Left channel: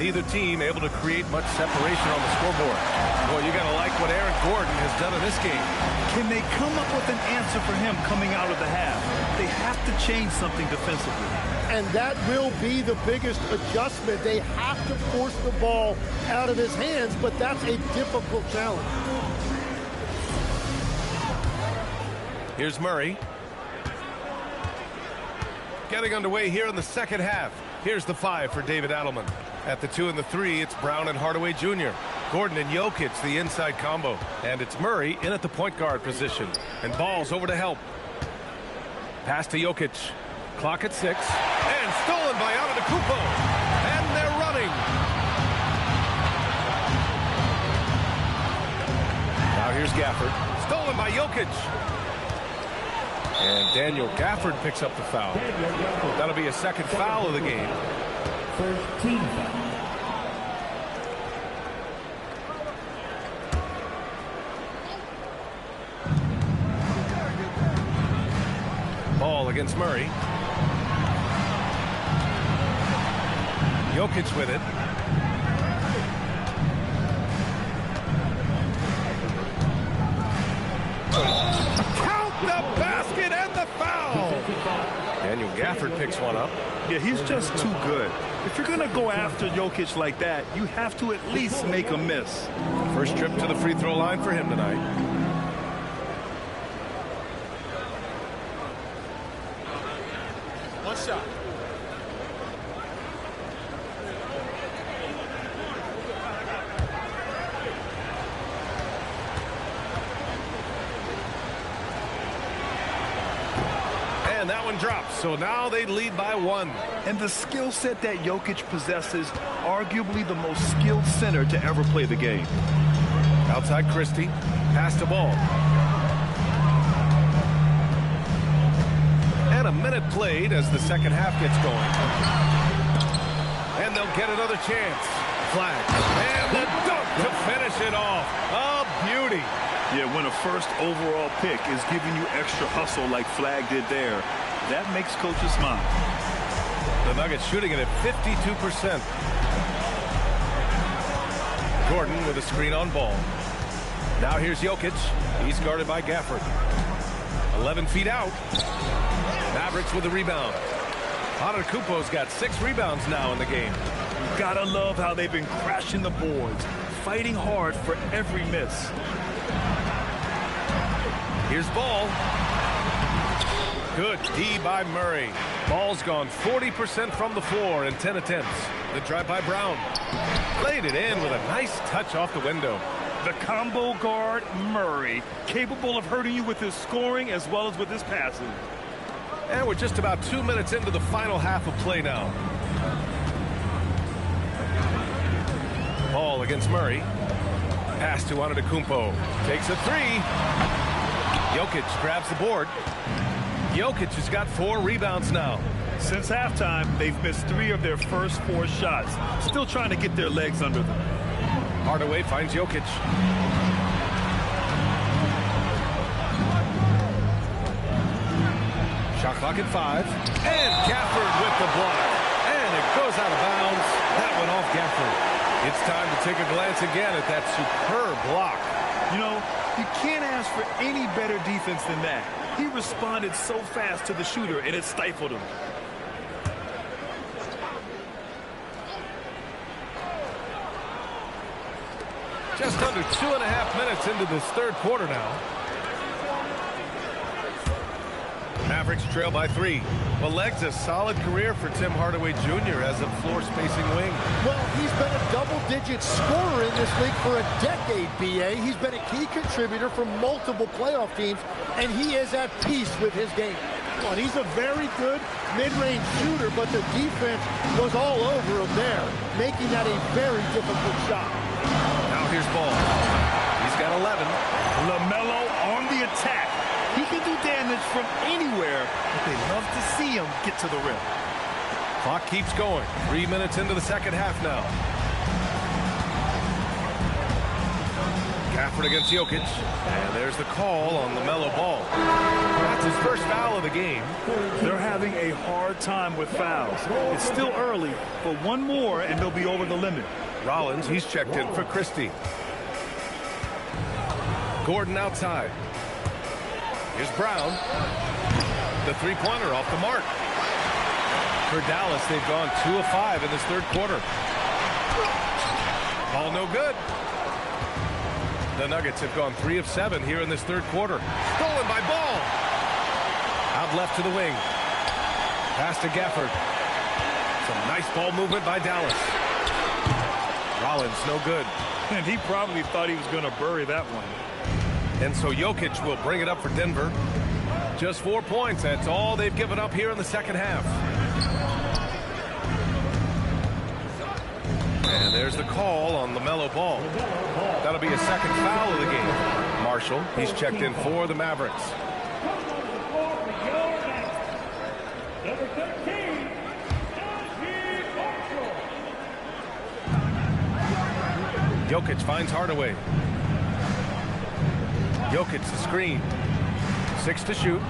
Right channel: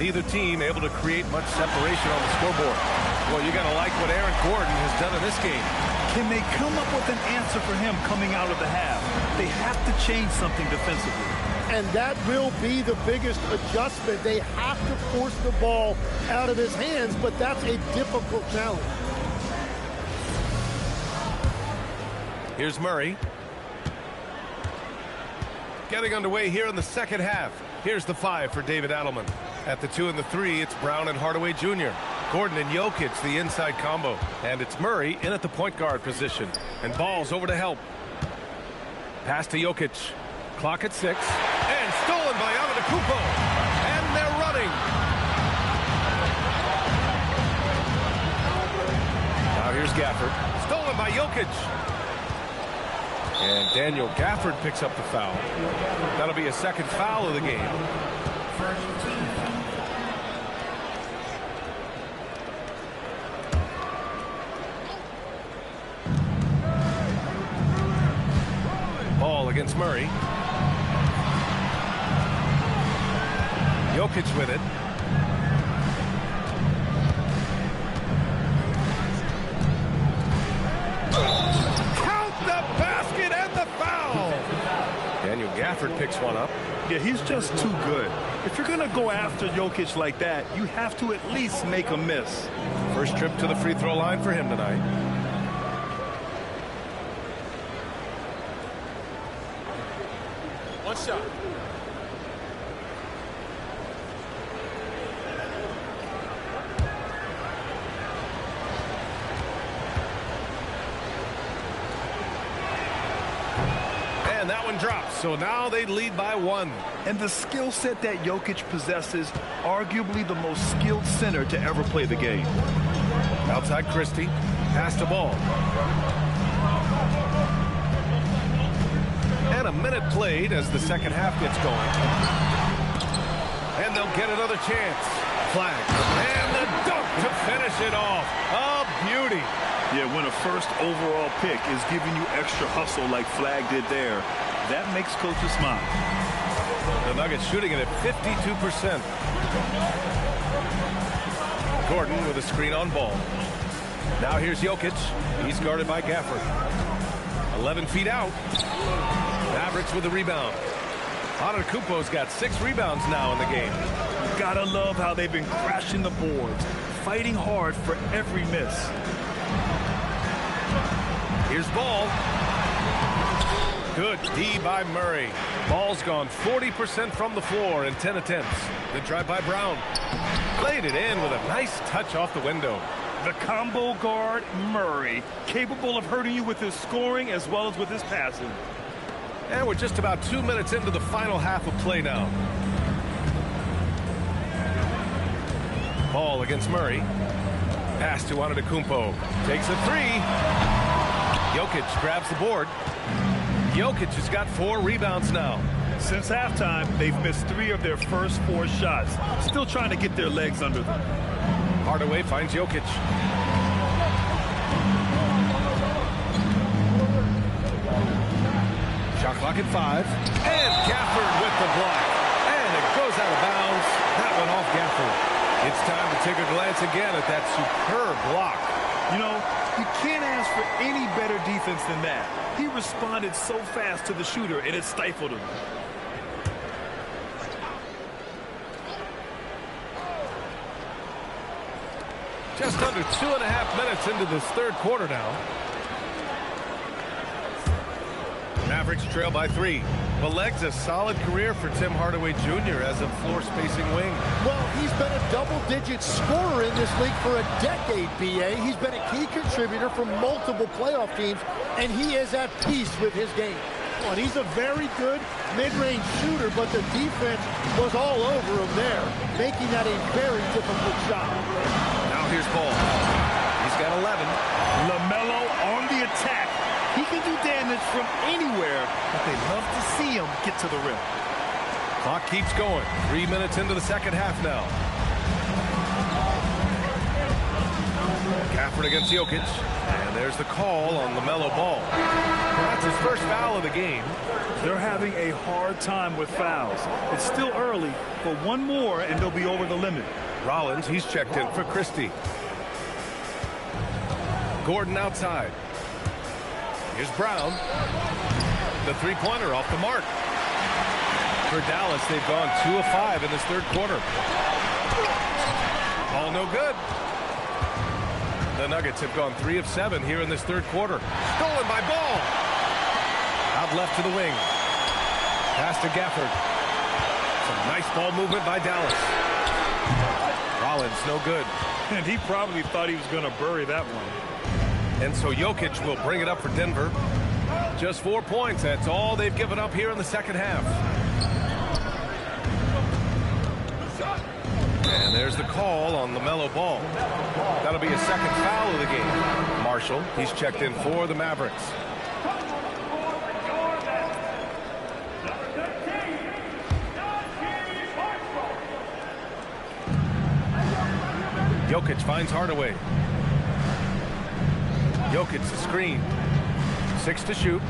Neither team able to create much separation on the scoreboard. Well, you got to like what Aaron Gordon has done in this game. Can they come up with an answer for him coming out of the half? They have to change something defensively. And that will be the biggest adjustment. They have to force the ball out of his hands, but that's a difficult challenge. Here's Murray. Getting underway here in the second half. Here's the 5 for David Adelman. At the 2 and the 3, it's Brown and Hardaway Jr. Gordon and Jokic, the inside combo. And it's Murray in at the point guard position. And Ball's over to help. Pass to Jokic. Clock at 6. And stolen by Antetokounmpo. And they're running. Now here's Gafford. Stolen by Jokic. And Daniel Gafford picks up the foul. That'll be a second foul of the game. First team foul. Ball against Murray. Jokic with it. Count the basket and the foul. Daniel Gafford picks one up. Yeah, he's just too good. If you're going to go after Jokic like that, you have to at least make a miss. First trip to the free throw line for him tonight. One shot. And that one drops. So now they lead by 1. And the skill set that Jokic possesses, arguably the most skilled center to ever play the game. Outside Christie. Pass to Ball. And a minute played as the second half gets going. And they'll get another chance. Flag. And the dunk to finish it off. A beauty. Yeah, when a first overall pick is giving you extra hustle like Flag did there, that makes coaches smile. The Nuggets shooting it at 52%. Gordon with a screen on Ball. Now here's Jokic. He's guarded by Gafford. 11 feet out. Mavericks with the rebound. Antetokounmpo's got 6 rebounds now in the game. You gotta love how they've been crashing the boards, fighting hard for every miss. Here's Ball. Good D by Murray. Ball's gone 40% from the floor in 10 attempts. The drive by Brown. Played it in with a nice touch off the window. The combo guard, Murray, capable of hurting you with his scoring as well as with his passing. And we're just about 2 minutes into the final half of play now. Ball against Murray. Pass to Antetokounmpo. Takes a 3. Jokic grabs the board. Jokic has got 4 rebounds now. Since halftime, they've missed 3 of their first 4 shots. Still trying to get their legs under them. Hardaway finds Jokic. Shot clock at 5. And Gafford with the block. And it goes out of bounds. That one off Gafford. It's time to take a glance again at that superb block. You know, you can't ask for any better defense than that. He responded so fast to the shooter, and it stifled him. Just under 2.5 minutes into this third quarter now. Mavericks trail by 3. Well, Leg's a solid career for Tim Hardaway Jr. as a floor-spacing wing. Well, he's been a double-digit scorer in this league for a decade, B.A. He's been a key contributor for multiple playoff teams, and he is at peace with his game. Well, he's a very good mid-range shooter, but the defense was all over him there, making that a very difficult shot. Now here's Ball. He's got 11. LaMelo on the attack. He can do damage from anywhere, but they love to see him get to the rim. Clock keeps going. 3 minutes into the second half now. Gafford against Jokic. And there's the call on LaMelo Ball. That's his first foul of the game. They're having a hard time with fouls. It's still early, but one more and they'll be over the limit. Rollins, he's checked in for Christie. Gordon outside. Here's Brown. The three-pointer off the mark. For Dallas, they've gone 2 of 5 in this third quarter. Ball no good. The Nuggets have gone 3 of 7 here in this third quarter. Stolen by Ball. Out left to the wing. Pass to Gafford. Some nice ball movement by Dallas. Rollins no good. And he probably thought he was going to bury that one. And so Jokic will bring it up for Denver. Just 4 points. That's all they've given up here in the second half. And there's the call on LaMelo Ball. That'll be a second foul of the game. Marshall, he's checked in for the Mavericks. Jokic finds Hardaway. Jokic the screen. 6 to shoot.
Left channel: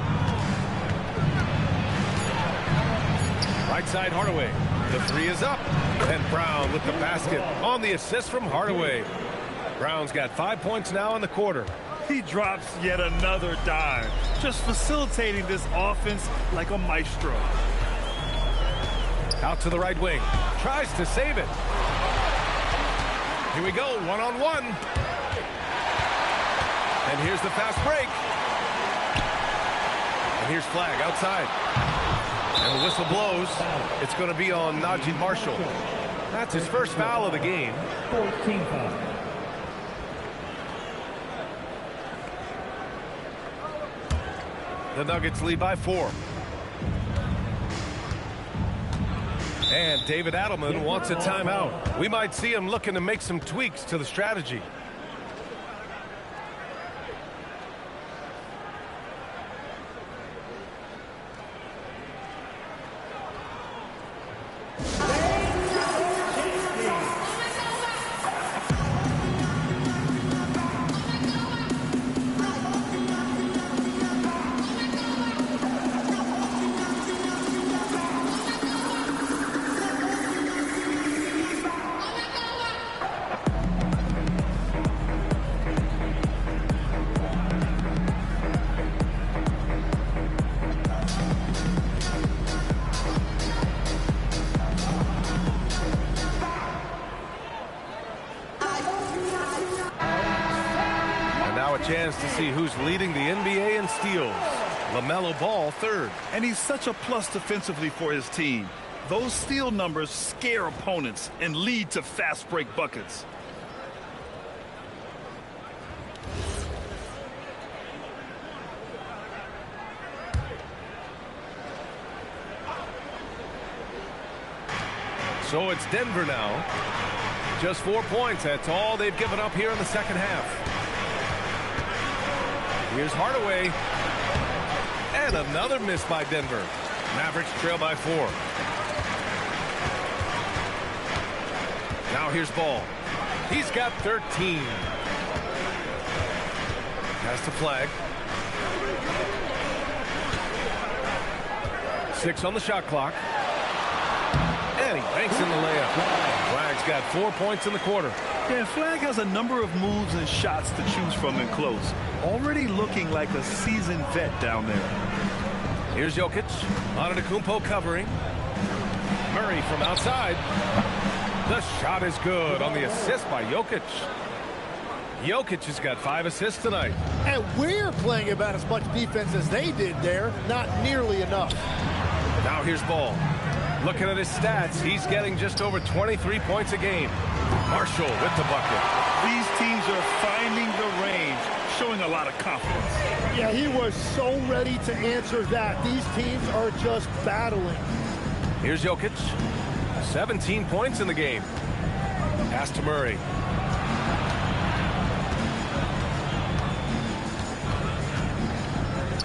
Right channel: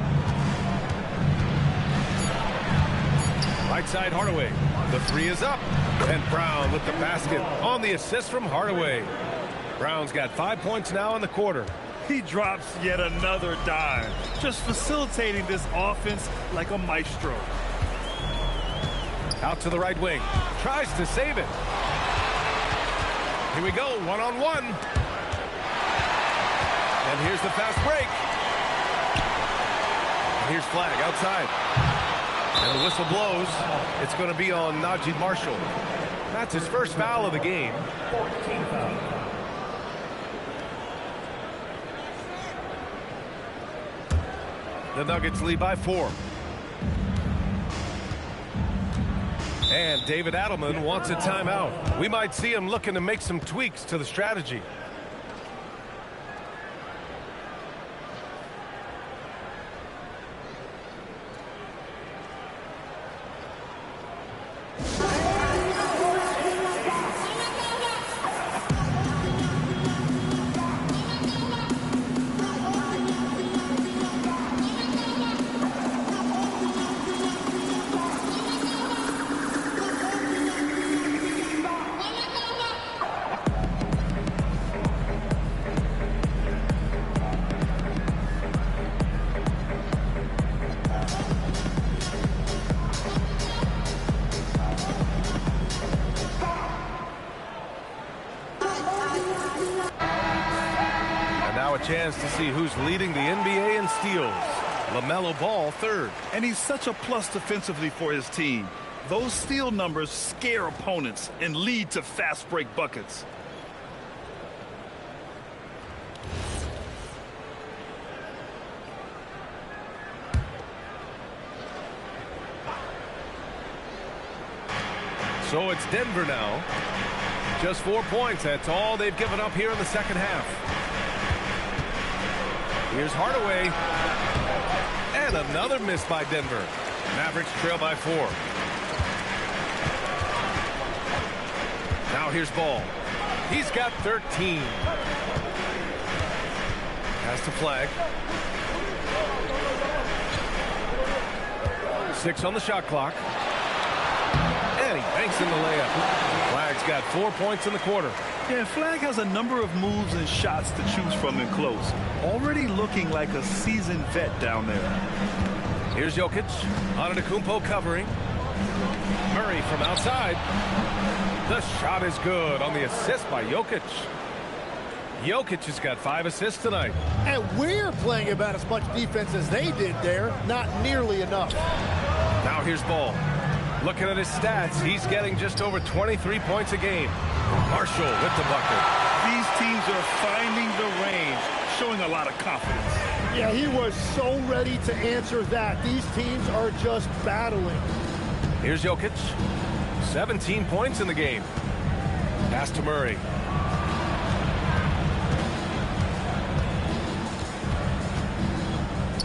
Right side Hardaway. The 3 is up. And Brown with the basket on the assist from Hardaway. Brown's got 5 points now in the quarter. He drops yet another dime, just facilitating this offense like a maestro. Out to the right wing. Tries to save it. Here we go, one-on-one. And here's the fast break. And here's flag outside. And the whistle blows. It's going to be on Najee Marshall. That's his first foul of the game. 14 foul. The Nuggets lead by 4. And David Adelman wants a timeout. We might see him looking to make some tweaks to the strategy. Now a chance to see who's leading the NBA in steals. LaMelo Ball third. And he's such a plus defensively for his team. Those steal numbers scare opponents and lead to fast break buckets. So it's Denver now. Just 4 points. That's all they've given up here in the second half. Here's Hardaway. And another miss by Denver. Mavericks trail by 4. Now here's Ball. He's got 13. Has to flag. 6 on the shot clock. And he banks in the layup. Flag's got 4 points in the quarter. Yeah, Flag has a number of moves and shots to choose from in close. Already looking like a seasoned vet down there. Here's Jokic. Antetokounmpo covering. Murray from outside. The shot is good on the assist by Jokic. Jokic has got 5 assists tonight. And we're playing about as much defense as they did there. Not nearly enough. Now here's Ball. Looking at his stats, he's getting just over 23 points a game. Marshall with the bucket. These teams are finding the range, showing a lot of confidence. Yeah, he was so ready to answer that. These teams are just battling. Here's Jokic. 17 points in the game. Pass to Murray.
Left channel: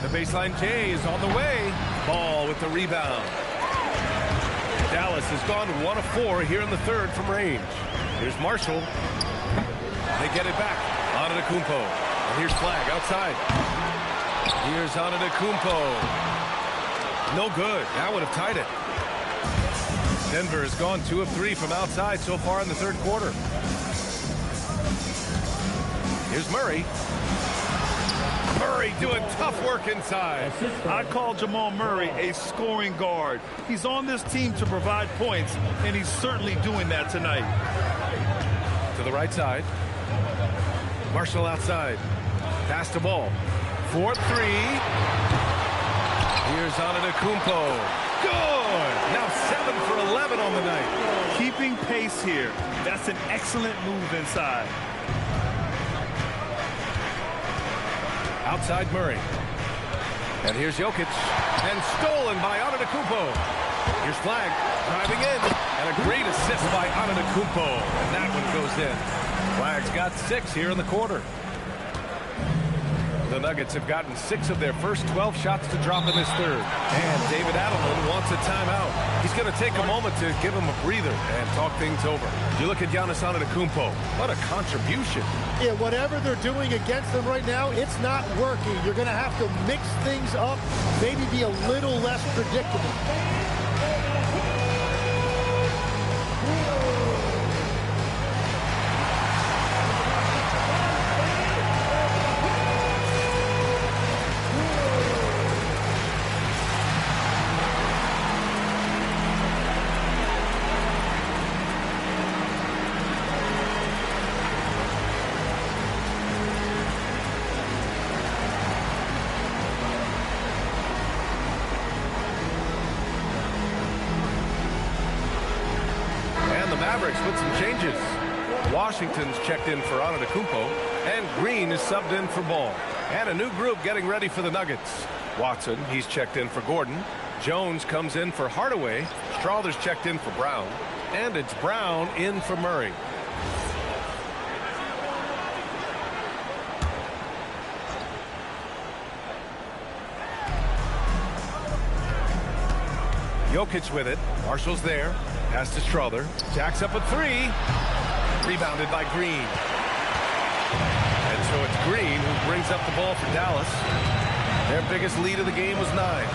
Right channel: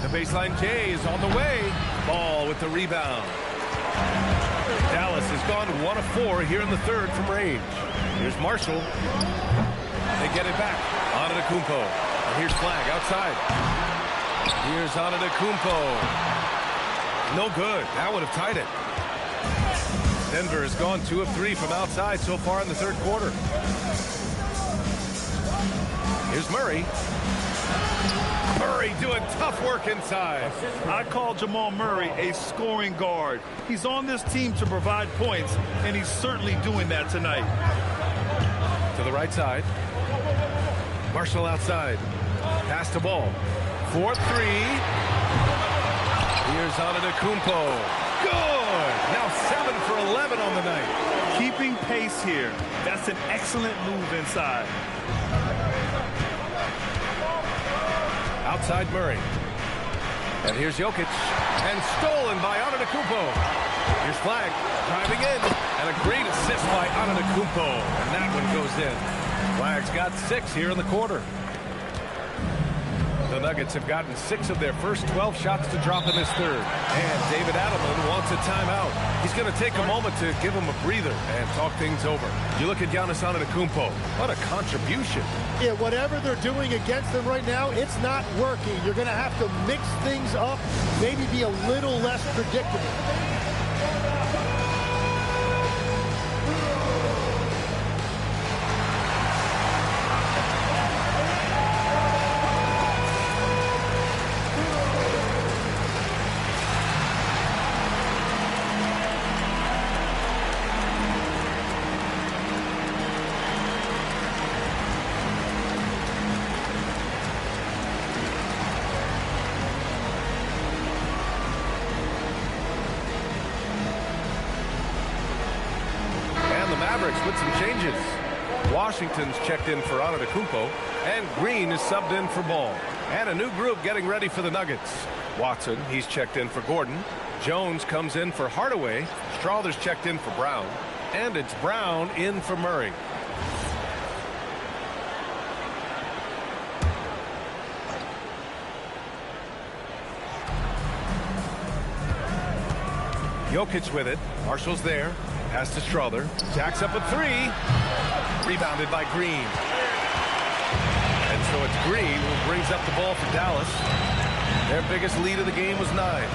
The baseline J is on the way. Ball with the rebound. Dallas has gone 1 of 4 here in the third from range. Here's Marshall. They get it back. Antetokounmpo. And here's Flag outside. Here's Antetokounmpo. No good. That would have tied it. Denver has gone 2 of 3 from outside so far in the third quarter. Here's Murray. Murray doing tough work inside. I call Jamal Murray a scoring guard. He's on this team to provide points, and he's certainly doing that tonight. To the right side. Marshall outside. Pass the ball. 4-3. Here's Antetokounmpo. Good. Now 7 for 11 on the night. Keeping pace here. That's an excellent move inside. Outside Murray. And here's Jokic. And stolen by Antetokounmpo. Here's Flag driving in. And a great assist by Antetokounmpo. And that one goes in. Flag's got 6 here in the quarter. The Nuggets have gotten 6 of their first 12 shots to drop in this third. And David Adelman wants a timeout. He's going to take a moment to give him a breather and talk things over. You look at Giannis Antetokounmpo. What a contribution. Yeah, whatever they're doing against them right now, it's not working. You're going to have to mix things up, maybe be a little less predictable. The Mavericks with some changes. Washington's checked in for Antetokounmpo, and Green is subbed in for Ball. And a new group getting ready for the Nuggets. Watson, he's checked in for Gordon. Jones comes in for Hardaway. Strawther's checked in for Brown. And it's Brown in for Murray. Jokic with it. Marshall's there. Pass to Strawther. Jacks up a 3. Rebounded by Green. And so it's Green who brings up the ball for Dallas. Their biggest lead of the game was 9.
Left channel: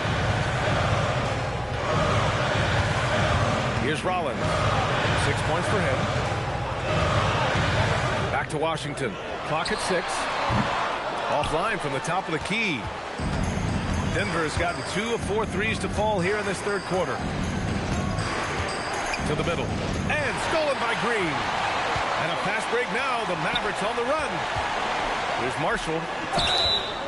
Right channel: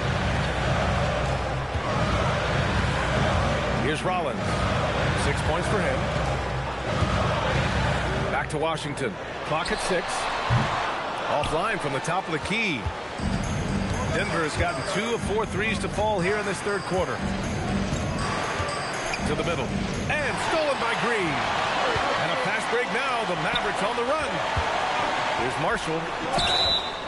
Here's Rollins. 6 points for him. Back to Washington. Clock at 6. Offline from the top of the key. Denver has gotten 2 of 4 threes to fall here in this third quarter. To the middle. And stolen by Green. And a fast break now. The Mavericks on the run. Here's Marshall.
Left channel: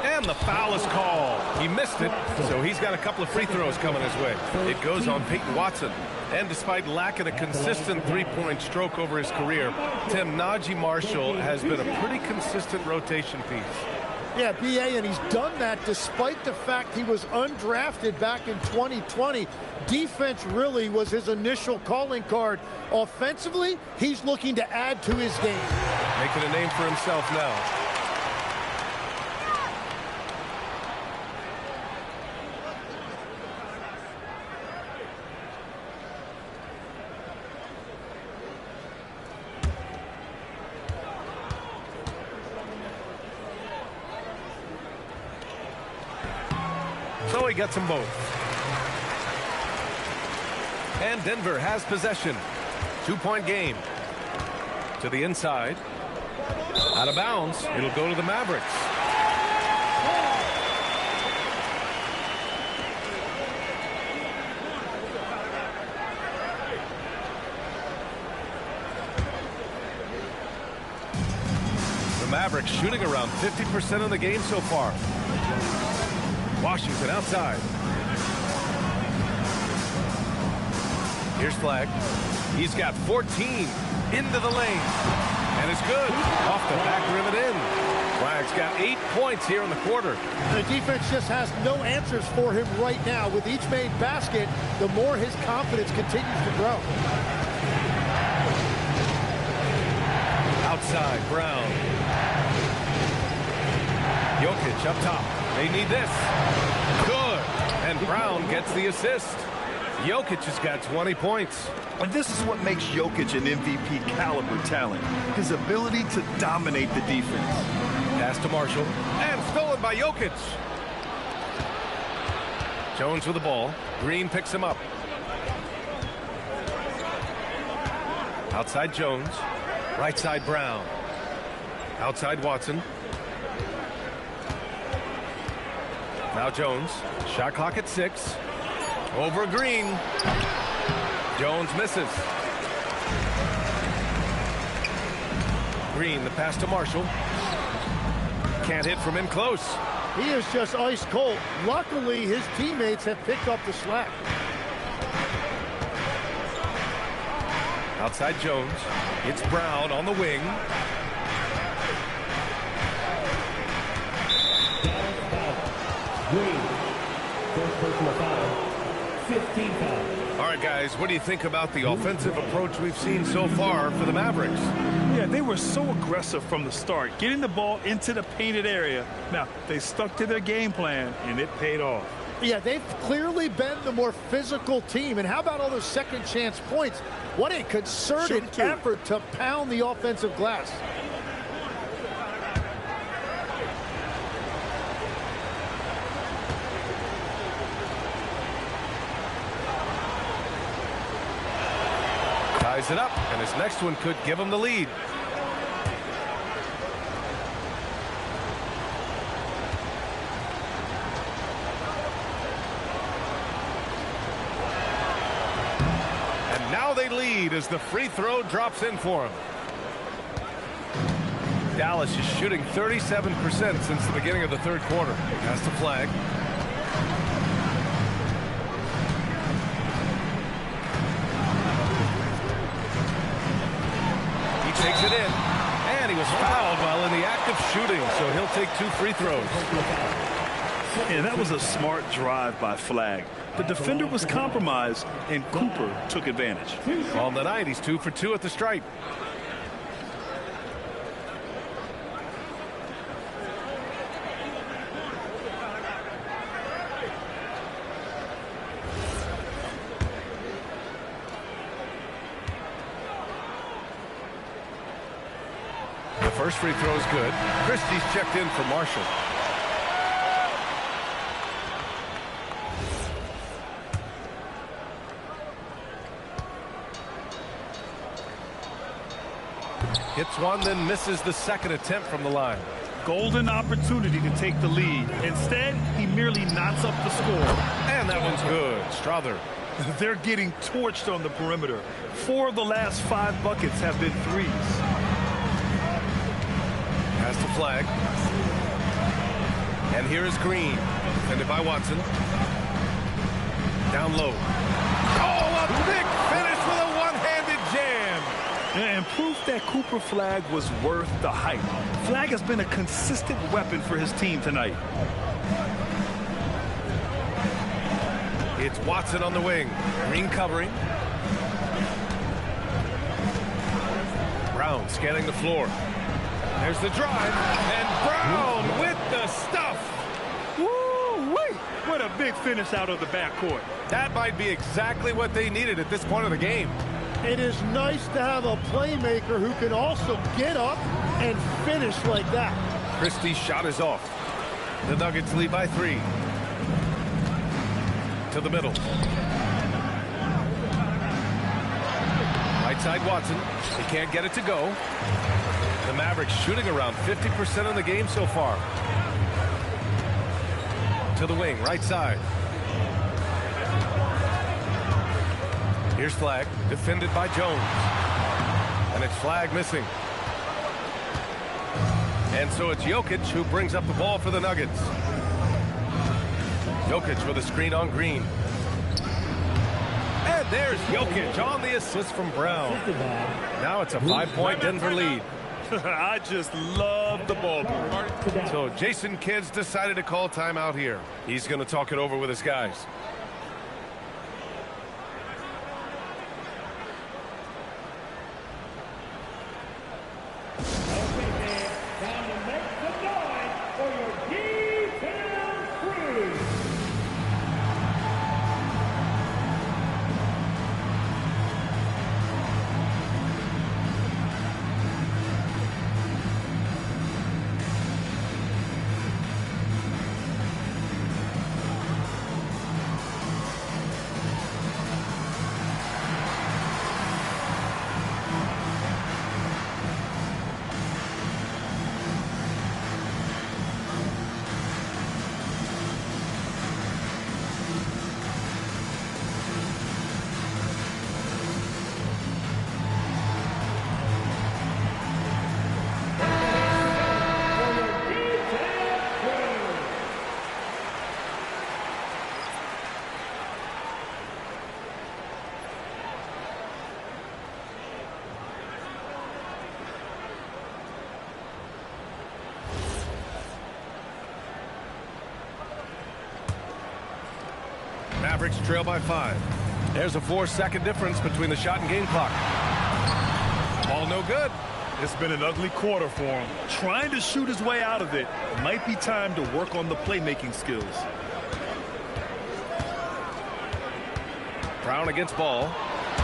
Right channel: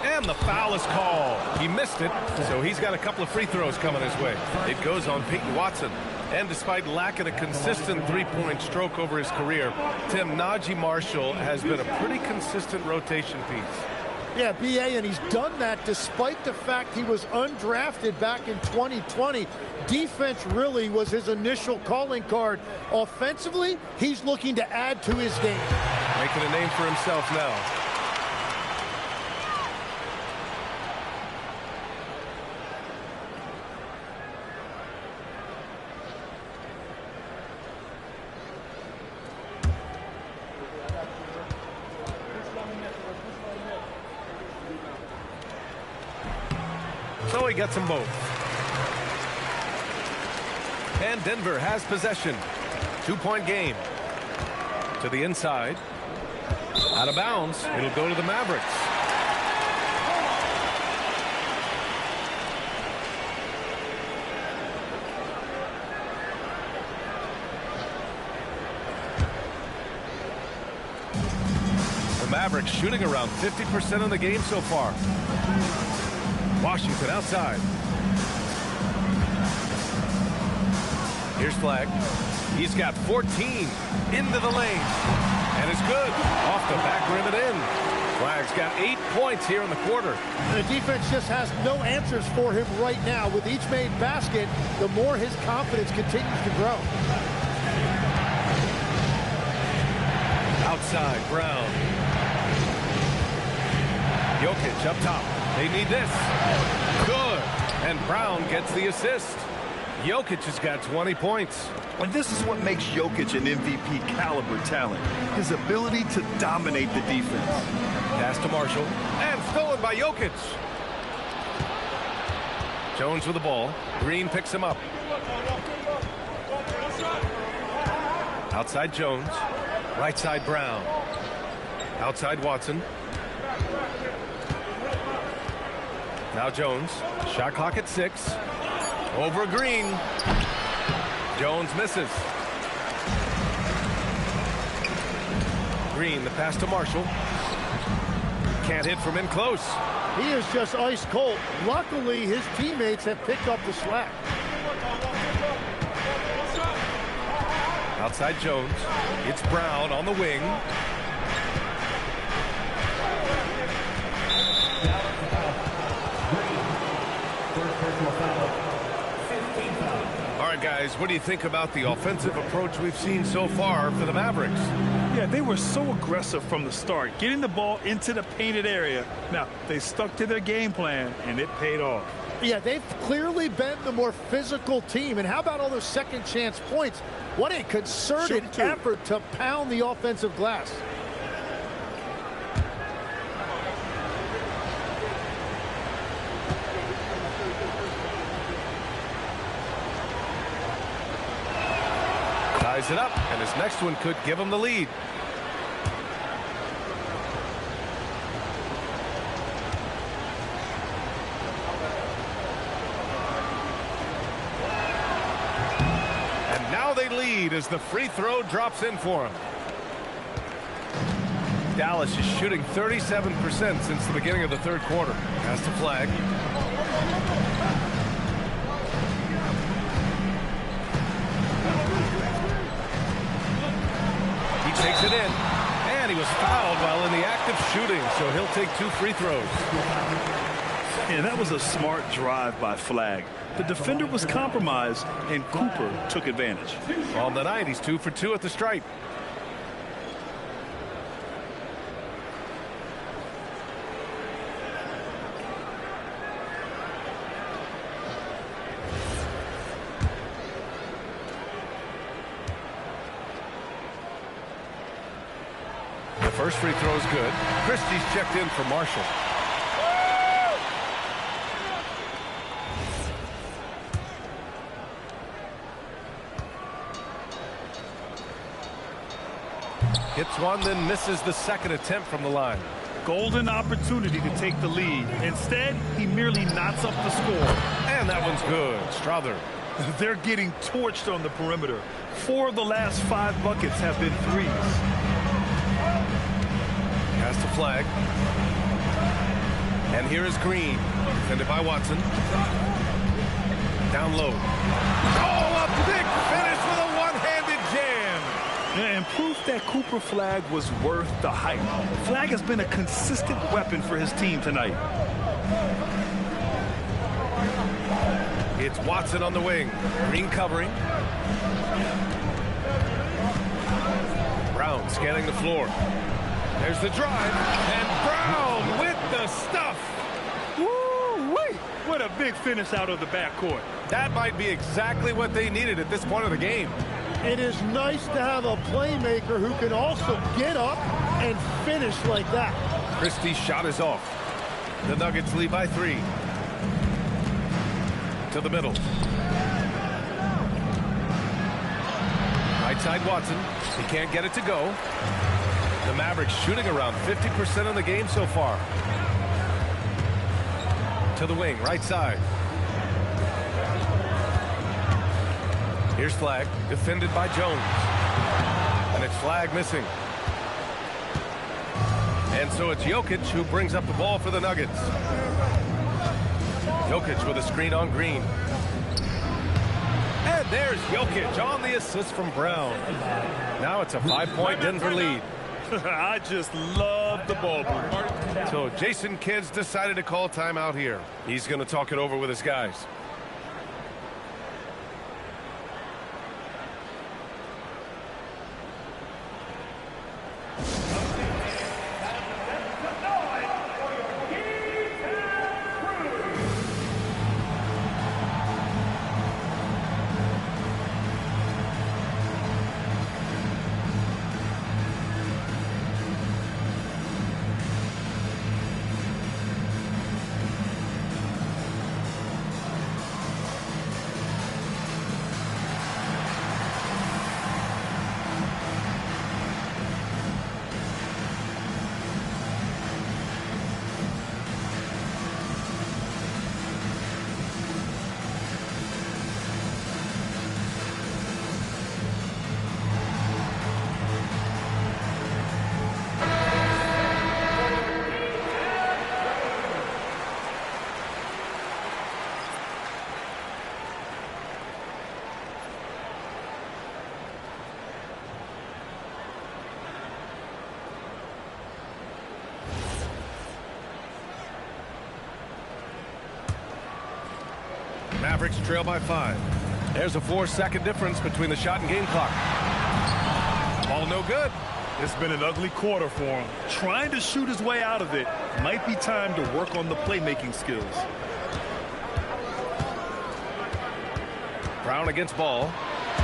And the foul is called. He missed it, so he's got a couple of free throws coming his way. It goes on Peyton Watson. And despite lacking a consistent three-point stroke over his career, Tim, Najee Marshall has been a pretty consistent rotation piece. Yeah, B.A., and he's done that despite the fact he was undrafted back in 2020. Defense really was his initial calling card. Offensively, he's looking to add to his game. Making a name for himself now. So he gets them both. And Denver has possession. 2-point game. To the inside. Out of bounds. It'll go to the Mavericks. The Mavericks shooting around 50% in the game so far. Washington outside. Here's Flag. He's got 14 into the lane. And it's good. Off the back rim and in. Flag's got 8 points here in the quarter. The defense just has no answers for him right now. With each made basket, the more his confidence continues to grow. Outside, Brown. Jokic up top. They need this. Good. And Brown gets the assist. Jokic has got 20 points. And this is what makes Jokic an MVP caliber talent. His ability to dominate the defense. Pass to Marshall. And stolen by Jokic. Jones with the ball. Green picks him up. Outside Jones. Right side Brown. Outside Watson. Now Jones. Shot clock at 6. Over Green. Jones misses. Green, the pass to Marshall. Can't hit from in close. He is just ice cold. Luckily, his teammates have picked up the slack. Outside Jones. It's Brown on the wing. Green. First personal foul. 15 foul. All right, guys, what do you think about the offensive approach we've seen so far for the Mavericks? Yeah, they were so aggressive from the start, getting the ball into the painted area. Now, they stuck to their game plan, and it paid off. Yeah, they've clearly been the more physical team. And how about all those second chance points? What a concerted effort to pound the offensive glass. Ties it up, and his next one could give him the lead. And now they lead as the free throw drops in for him. Dallas is shooting 37% since the beginning of the third quarter. Pass the flag. He takes it in, and he was fouled while in the act of shooting, so he'll take 2 free throws. Yeah, that was a smart drive by Flag. The defender was compromised, and Cooper took advantage. On the night, he's 2 for 2 at the stripe. The first free throw is good. Christie's checked in for Marshall. Hits one, then misses the second attempt from the line. Golden opportunity to take the lead. Instead, he merely knots up the score. And that one's good. Strother. They're getting torched on the perimeter. 4 of the last 5 buckets have been threes. Pass the flag. And here is Green. Defended by Watson. Down low. Oh, a big finish with a one-handed jam. And proof that Cooper Flag was worth the hype. Flag has been a consistent weapon for his team tonight. It's Watson on the wing. Green covering. Brown scanning the floor. There's the drive. And Brown with the stuff. Woo-wee! What a big finish out of the backcourt. That might be exactly what they needed at this point of the game. It is nice to have a playmaker who can also get up and finish like that. Christie's shot is off. The Nuggets lead by 3. To the middle. Right side Watson. He can't get it to go. The Mavericks shooting around 50% of the game so far. To the wing, right side. Here's Flag, defended by Jones. And it's Flag missing. And so it's Jokic who brings up the ball for the Nuggets. Jokic with a screen on Green. And there's Jokic on the assist from Brown. Now it's a 5-point Denver lead. I just love the ball move. So Jason Kidd's decided to call timeout here. He's going to talk it over with his guys. Mavericks trail by 5. There's a 4-second difference between the shot and game clock. Ball no good. It's been an ugly quarter for him. Trying to shoot his way out of it. Might be time to work on the playmaking skills. Brown against Ball.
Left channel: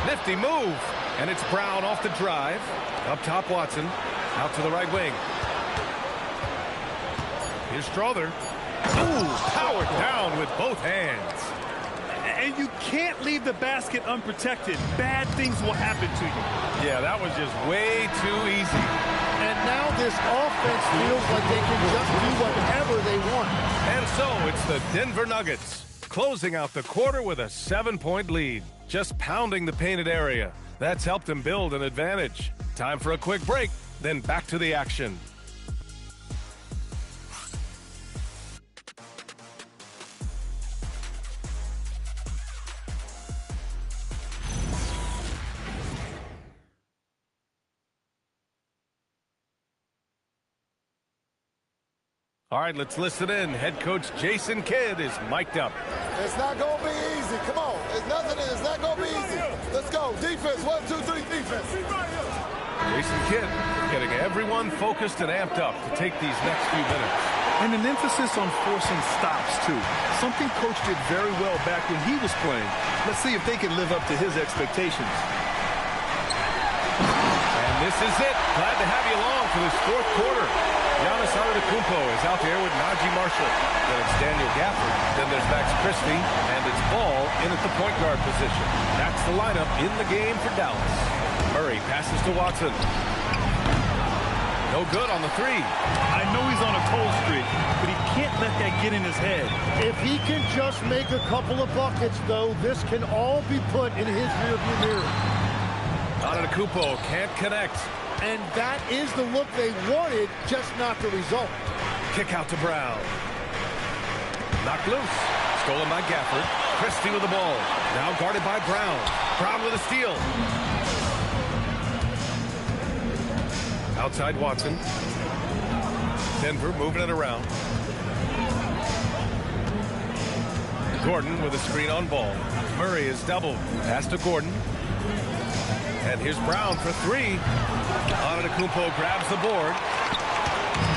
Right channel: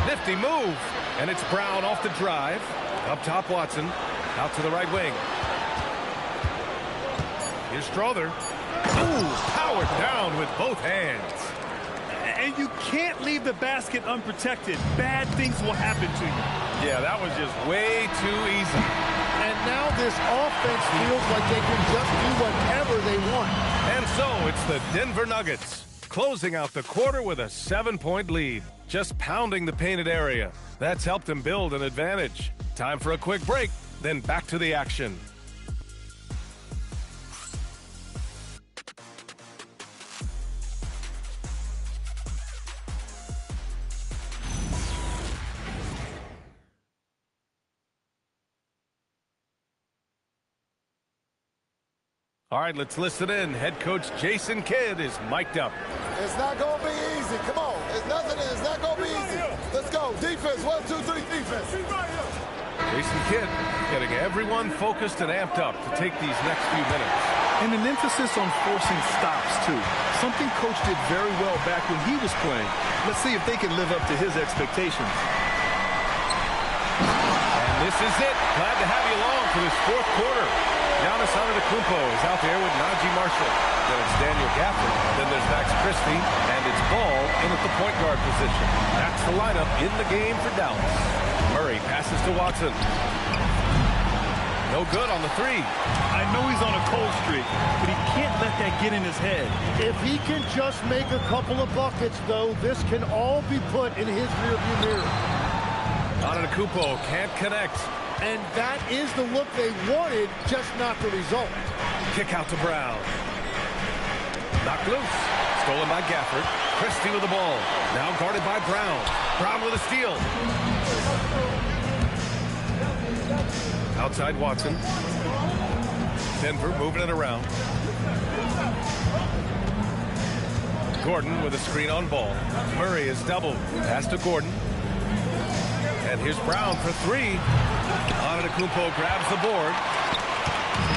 Nifty move. And it's Brown off the drive. Up top, Watson. Out to the right wing. Here's Strother. Ooh, powered down with both hands. And you can't leave the basket unprotected. Bad things will happen to you. Yeah, that was just way too easy. And now this offense feels like they can just do whatever they want. And so it's the Denver Nuggets closing out the quarter with a 7-point lead. Just pounding the painted area. That's helped them build an advantage. Time for a quick break, then back to the action. All right, let's listen in. Head coach Jason Kidd is mic'd up. It's not going to be easy. Come on. It's not going to be easy. Let's go. Defense. 1, 2, 3, defense. Jason Kidd getting everyone focused and amped up to take these next few minutes. And an emphasis on forcing stops, too. Something Coach did very well back when he was playing. Let's see if they can live up to his expectations. And this is it. Glad to have you along for this fourth quarter. Giannis Antetokounmpo is out there with Najee Marshall. Then it's Daniel Gafford. Then there's Max Christie. And it's Ball in at the point guard position. That's the lineup in the game for Dallas. Murray passes to Watson. No good on the 3. I know he's on a cold streak, but he can't let that get in his head. If he can just make a couple of buckets, though, this can all be put in his rearview mirror. Antetokounmpo can't connect. And that is the look they wanted, just not the result. Kick out to Brown. Knocked loose. Stolen by Gafford. Christie with the ball. Now guarded by Brown. Brown with a steal. Outside Watson. Denver moving it around. Gordon with a screen on Ball. Murray is doubled. Pass to Gordon. And here's Brown for 3. Antetokounmpo grabs the board.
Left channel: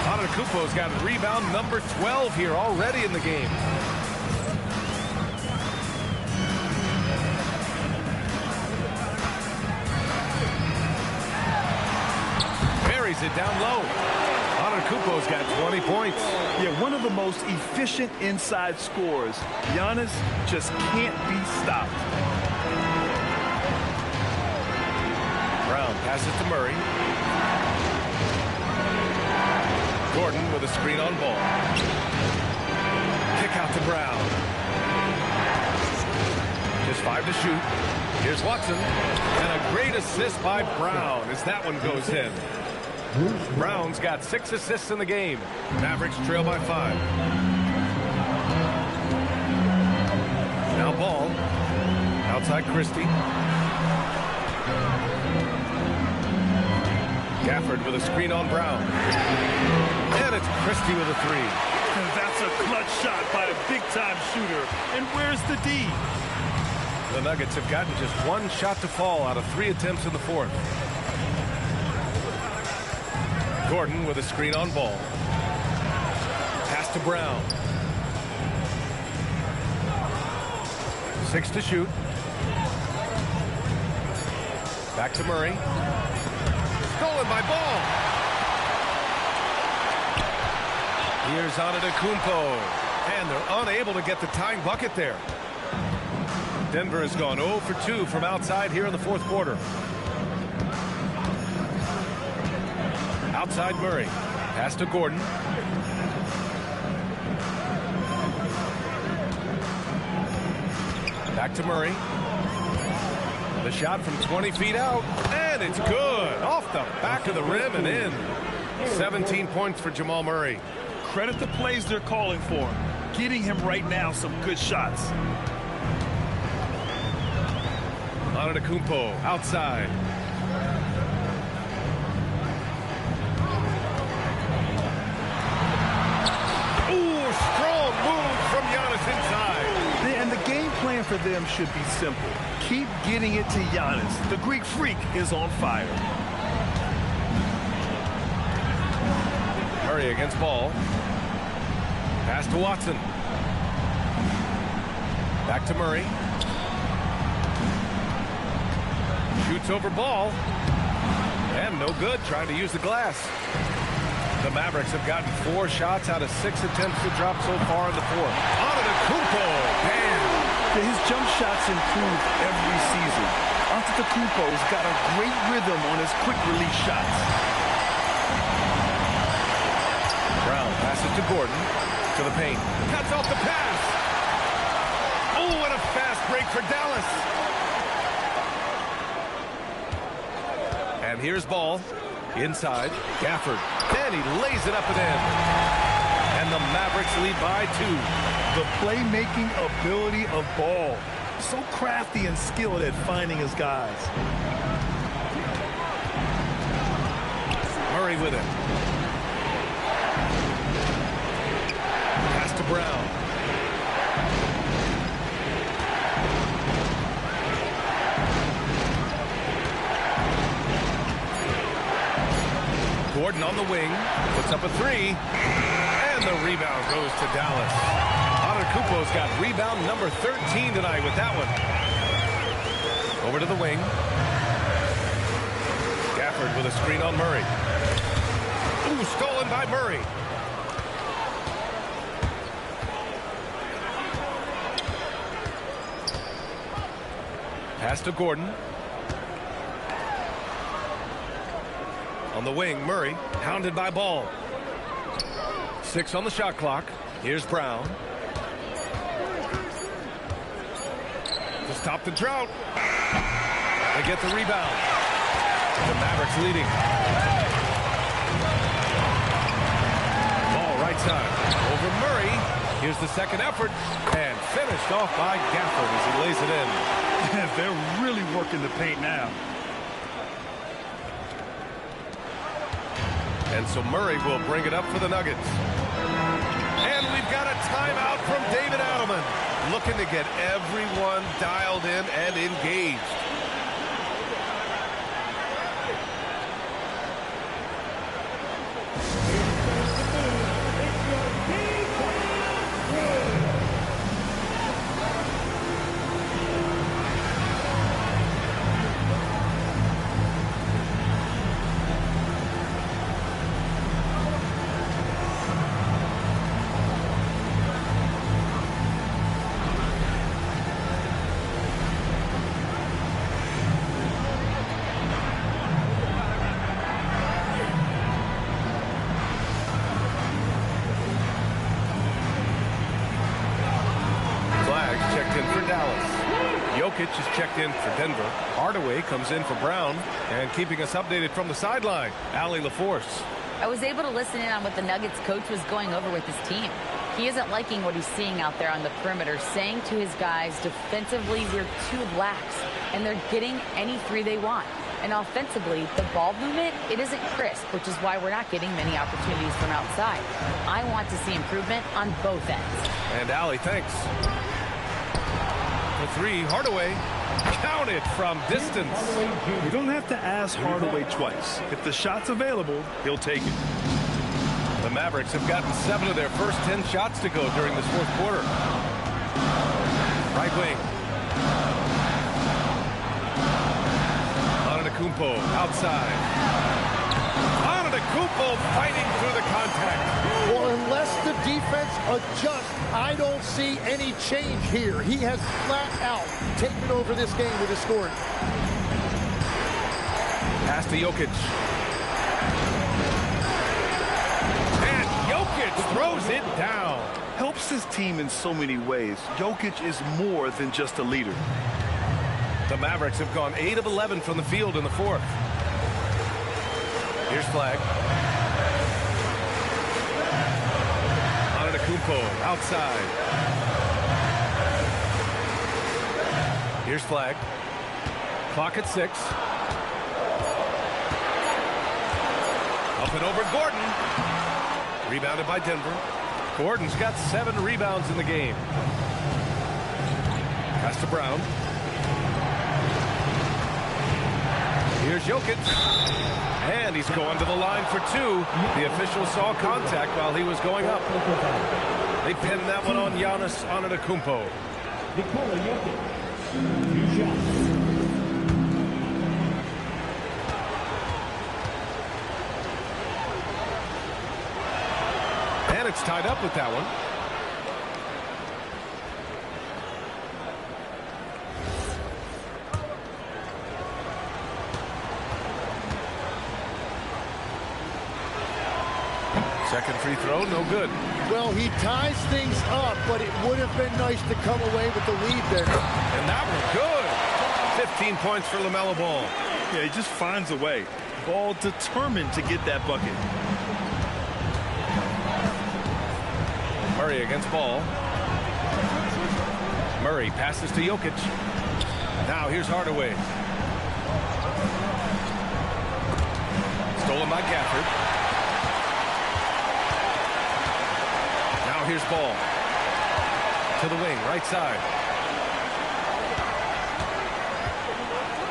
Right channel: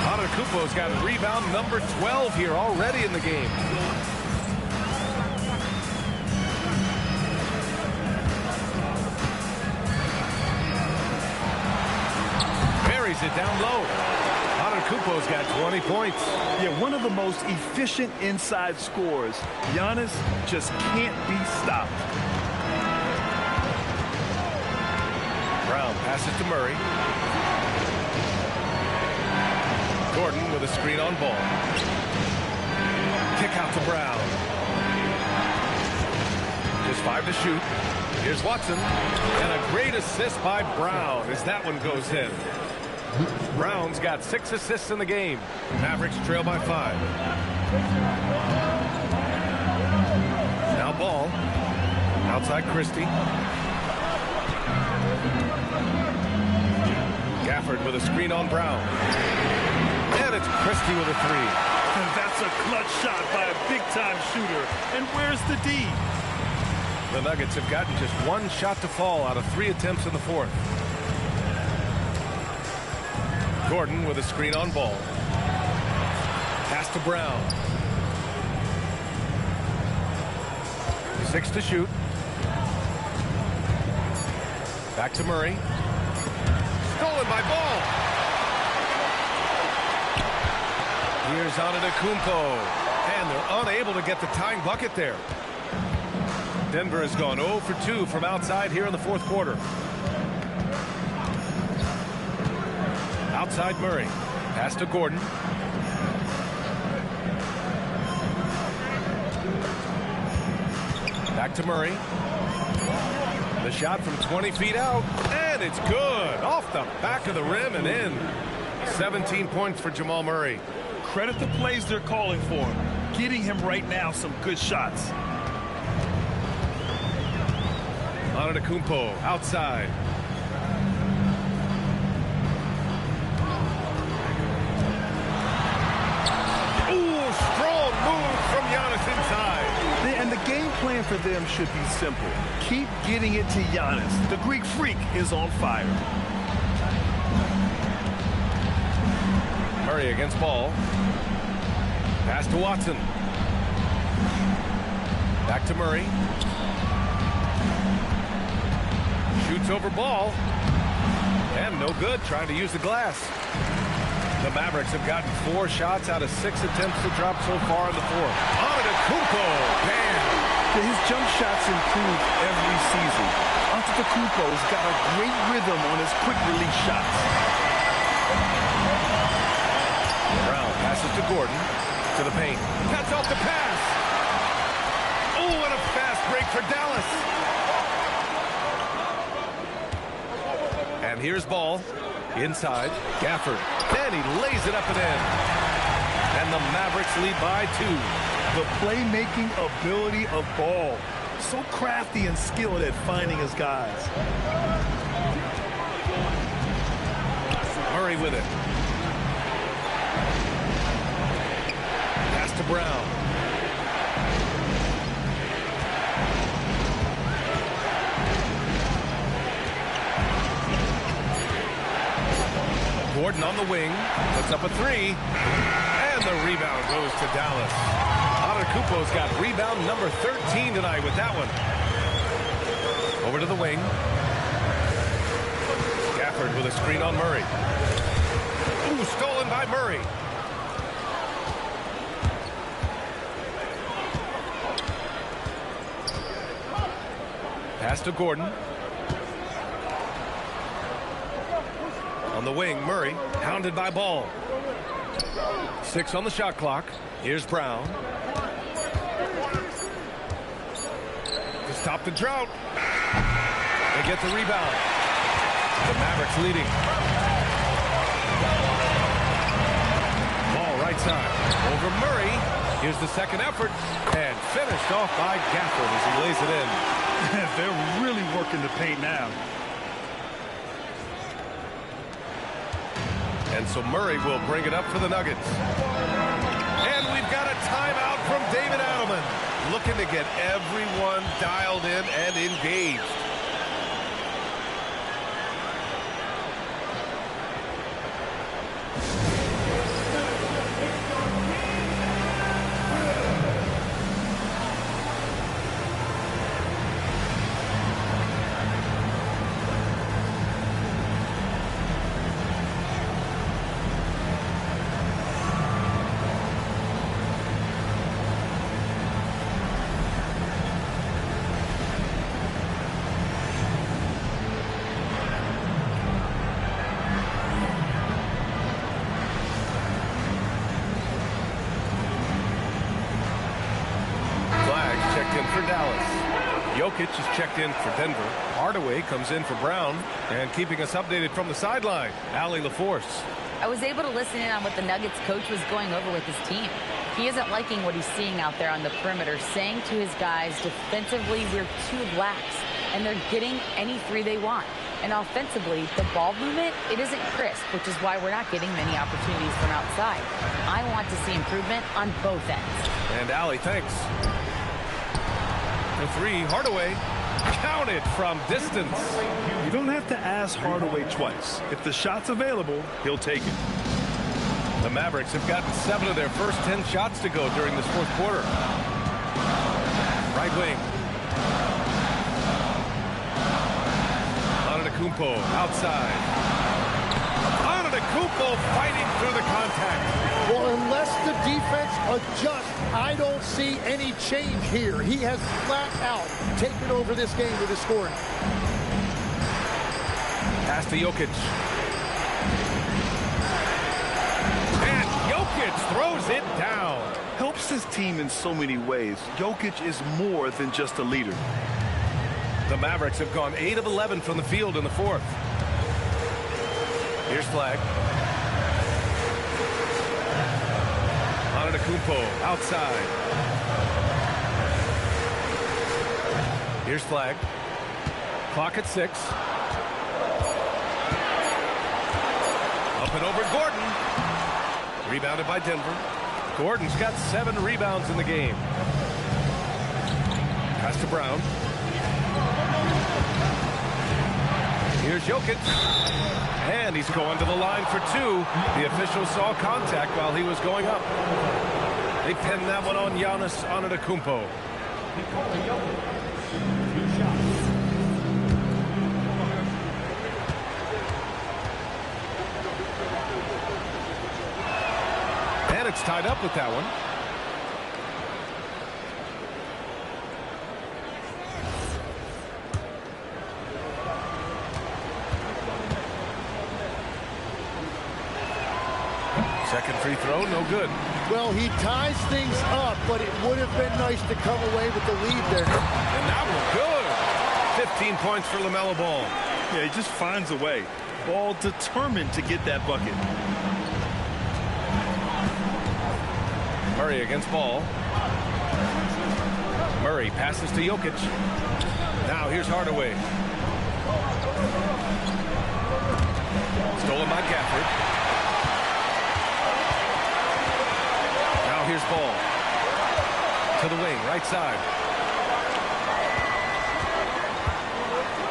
Antetokounmpo's got rebound number 12 here already in the game. Buries it down low. Antetokounmpo's got 20 points. Yeah, one of the most efficient inside scorers. Giannis just can't be stopped. Brown passes to Murray. Gordon with a screen on Ball. Kick out to Brown. Just 5 to shoot. Here's Watson. And a great assist by Brown as that one goes in. Brown's got 6 assists in the game. Mavericks trail by 5. Now Ball. Outside Christie. Gafford with a screen on Brown. And it's Christie with a 3. And that's a clutch shot by a big-time shooter. And where's the D? The Nuggets have gotten just 1 shot to fall out of 3 attempts in the fourth. Gordon with a screen on Ball. Pass to Brown. 6 to shoot. Back to Murray. Stolen by Ball. Here's Antetokounmpo. And they're unable to get the tying bucket there. Denver has gone 0 for 2 from outside here in the fourth quarter. Outside Murray. Pass to Gordon. Back to Murray. The shot from 20 feet out. And it's good. Off the back of the rim and in. 17 points for Jamal Murray. Credit the plays they're calling for him. Getting him right now some good shots. Antetokounmpo outside. Ooh, Strong move from Giannis inside. And the game plan for them should be simple. Keep getting it to Giannis. The Greek freak is on fire. Murray against ball. Pass to Watson. Back to Murray. Shoots over ball. And no good, trying to use the glass. The Mavericks have gotten 4 shots out of 6 attempts to drop so far in the fourth. Antetokounmpo, bam! His jump shots improve every season. Antetokounmpo's got a great rhythm on his quick release shots. Brown passes to Gordon. To the paint. Cuts off the pass. Oh, and a fast break for Dallas. And here's ball. Inside. Gafford. Then he lays it up and in. And the Mavericks lead by 2. The playmaking ability of Ball. So crafty and skilled at finding his guys. Murray with it. Pass to Brown. Gordon on the wing, puts up a 3, and the rebound goes to Dallas. Antetokounmpo's got rebound number 13 tonight with that one. Over to the wing. Gafford with a screen on Murray. Ooh, stolen by Murray. Pass to Gordon. On the wing, Murray, hounded by Ball. 6 on the shot clock. Here's Brown. To stop the drought. They get the rebound. The Mavericks leading. Ball right side. Over Murray. Here's the second effort. And finished off by Gafford as he lays it in. They're really working the paint now. And so Murray will bring it up for the Nuggets. And we've got a timeout from David Adelman. Looking to get everyone dialed in and engaged. Checked in for Dallas. Jokic is checked in for Denver. Hardaway comes in for Brown. And keeping us updated from the sideline, Allie LaForce. I was able to listen in on what the Nuggets coach was going over with his team. He isn't liking what he's seeing out there on the perimeter, saying to his guys, defensively, we're too lax, and they're getting any 3 they want. And offensively, the ball movement, it isn't crisp, which is why we're not getting many opportunities from outside. I want to see improvement on both ends. And Allie, thanks. For 3, Hardaway counted from distance. You don't have to ask Hardaway twice. If the shot's available, he'll take it. The Mavericks have gotten 7 of their first 10 shots to go during this fourth quarter. Right wing. Antetokounmpo outside. Antetokounmpo fighting through the contact. Well, unless the defense adjusts, I don't see any change here. He has flat out taken over this game with his scoring. Pass to Jokic. And Jokic throws it down. Helps his team in so many ways. Jokic is more than just a leader. The Mavericks have gone 8 of 11 from the field in the fourth. Here's Flag. Antetokounmpo outside. Here's Flag. Clock at 6. Up and over Gordon. Rebounded by Denver. Gordon's got 7 rebounds in the game. Pass to Brown. Here's Jokic. And he's going to the line for 2. The official saw contact while he was going up. They pinned that one on Giannis Antetokounmpo. And it's tied up with that one. Second free throw, no good. Well, he ties things up, but it would have been nice to come away with the lead there. And that one good. 15 points for LaMelo Ball. Yeah, he just finds a way. Ball determined to get that bucket. Murray against Ball. Murray passes to Jokic. Now here's Hardaway. Stolen by Gafford. Now here's Ball. To the wing, right side.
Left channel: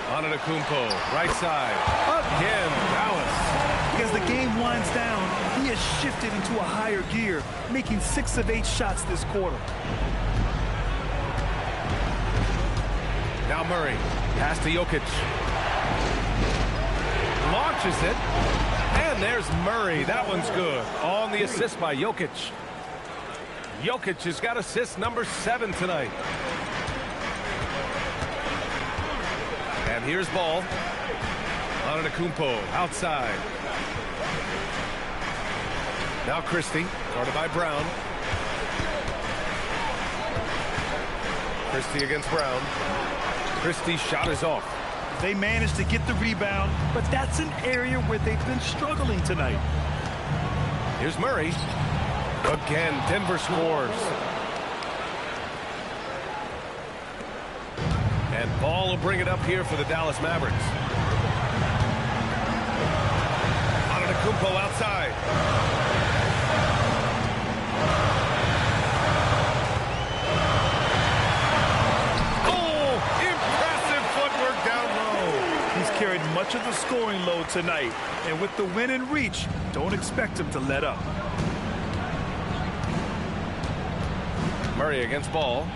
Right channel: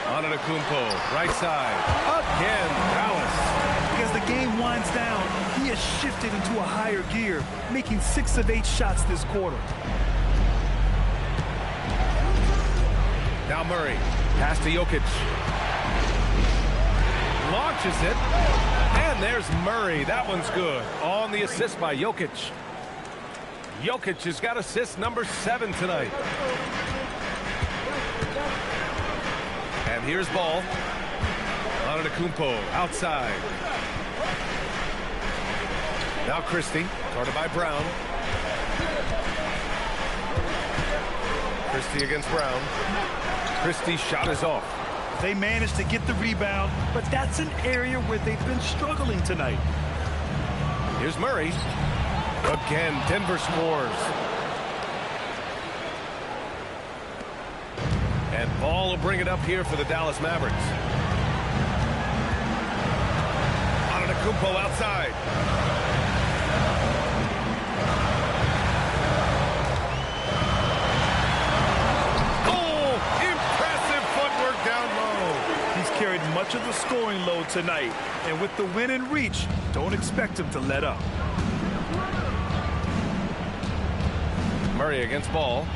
Antetokounmpo, right side. Again, Dallas. As the game winds down, he has shifted into a higher gear, making 6 of 8 shots this quarter. Now Murray, pass to Jokic. Launches it. And there's Murray. That one's good. On the assist by Jokic. Jokic has got assist number 7 tonight. And here's Ball. Antetokounmpo outside. Now Christie, guarded by Brown. Christie against Brown. Christie's shot is off. They managed to get the rebound, but that's an area where they've been struggling tonight. Here's Murray. Again, Denver scores. And Ball will bring it up here for the Dallas Mavericks. Antetokounmpo outside. Oh, impressive footwork down low. He's carried much of the scoring load tonight, and with the win in reach, don't expect him to let up. Murray against Ball.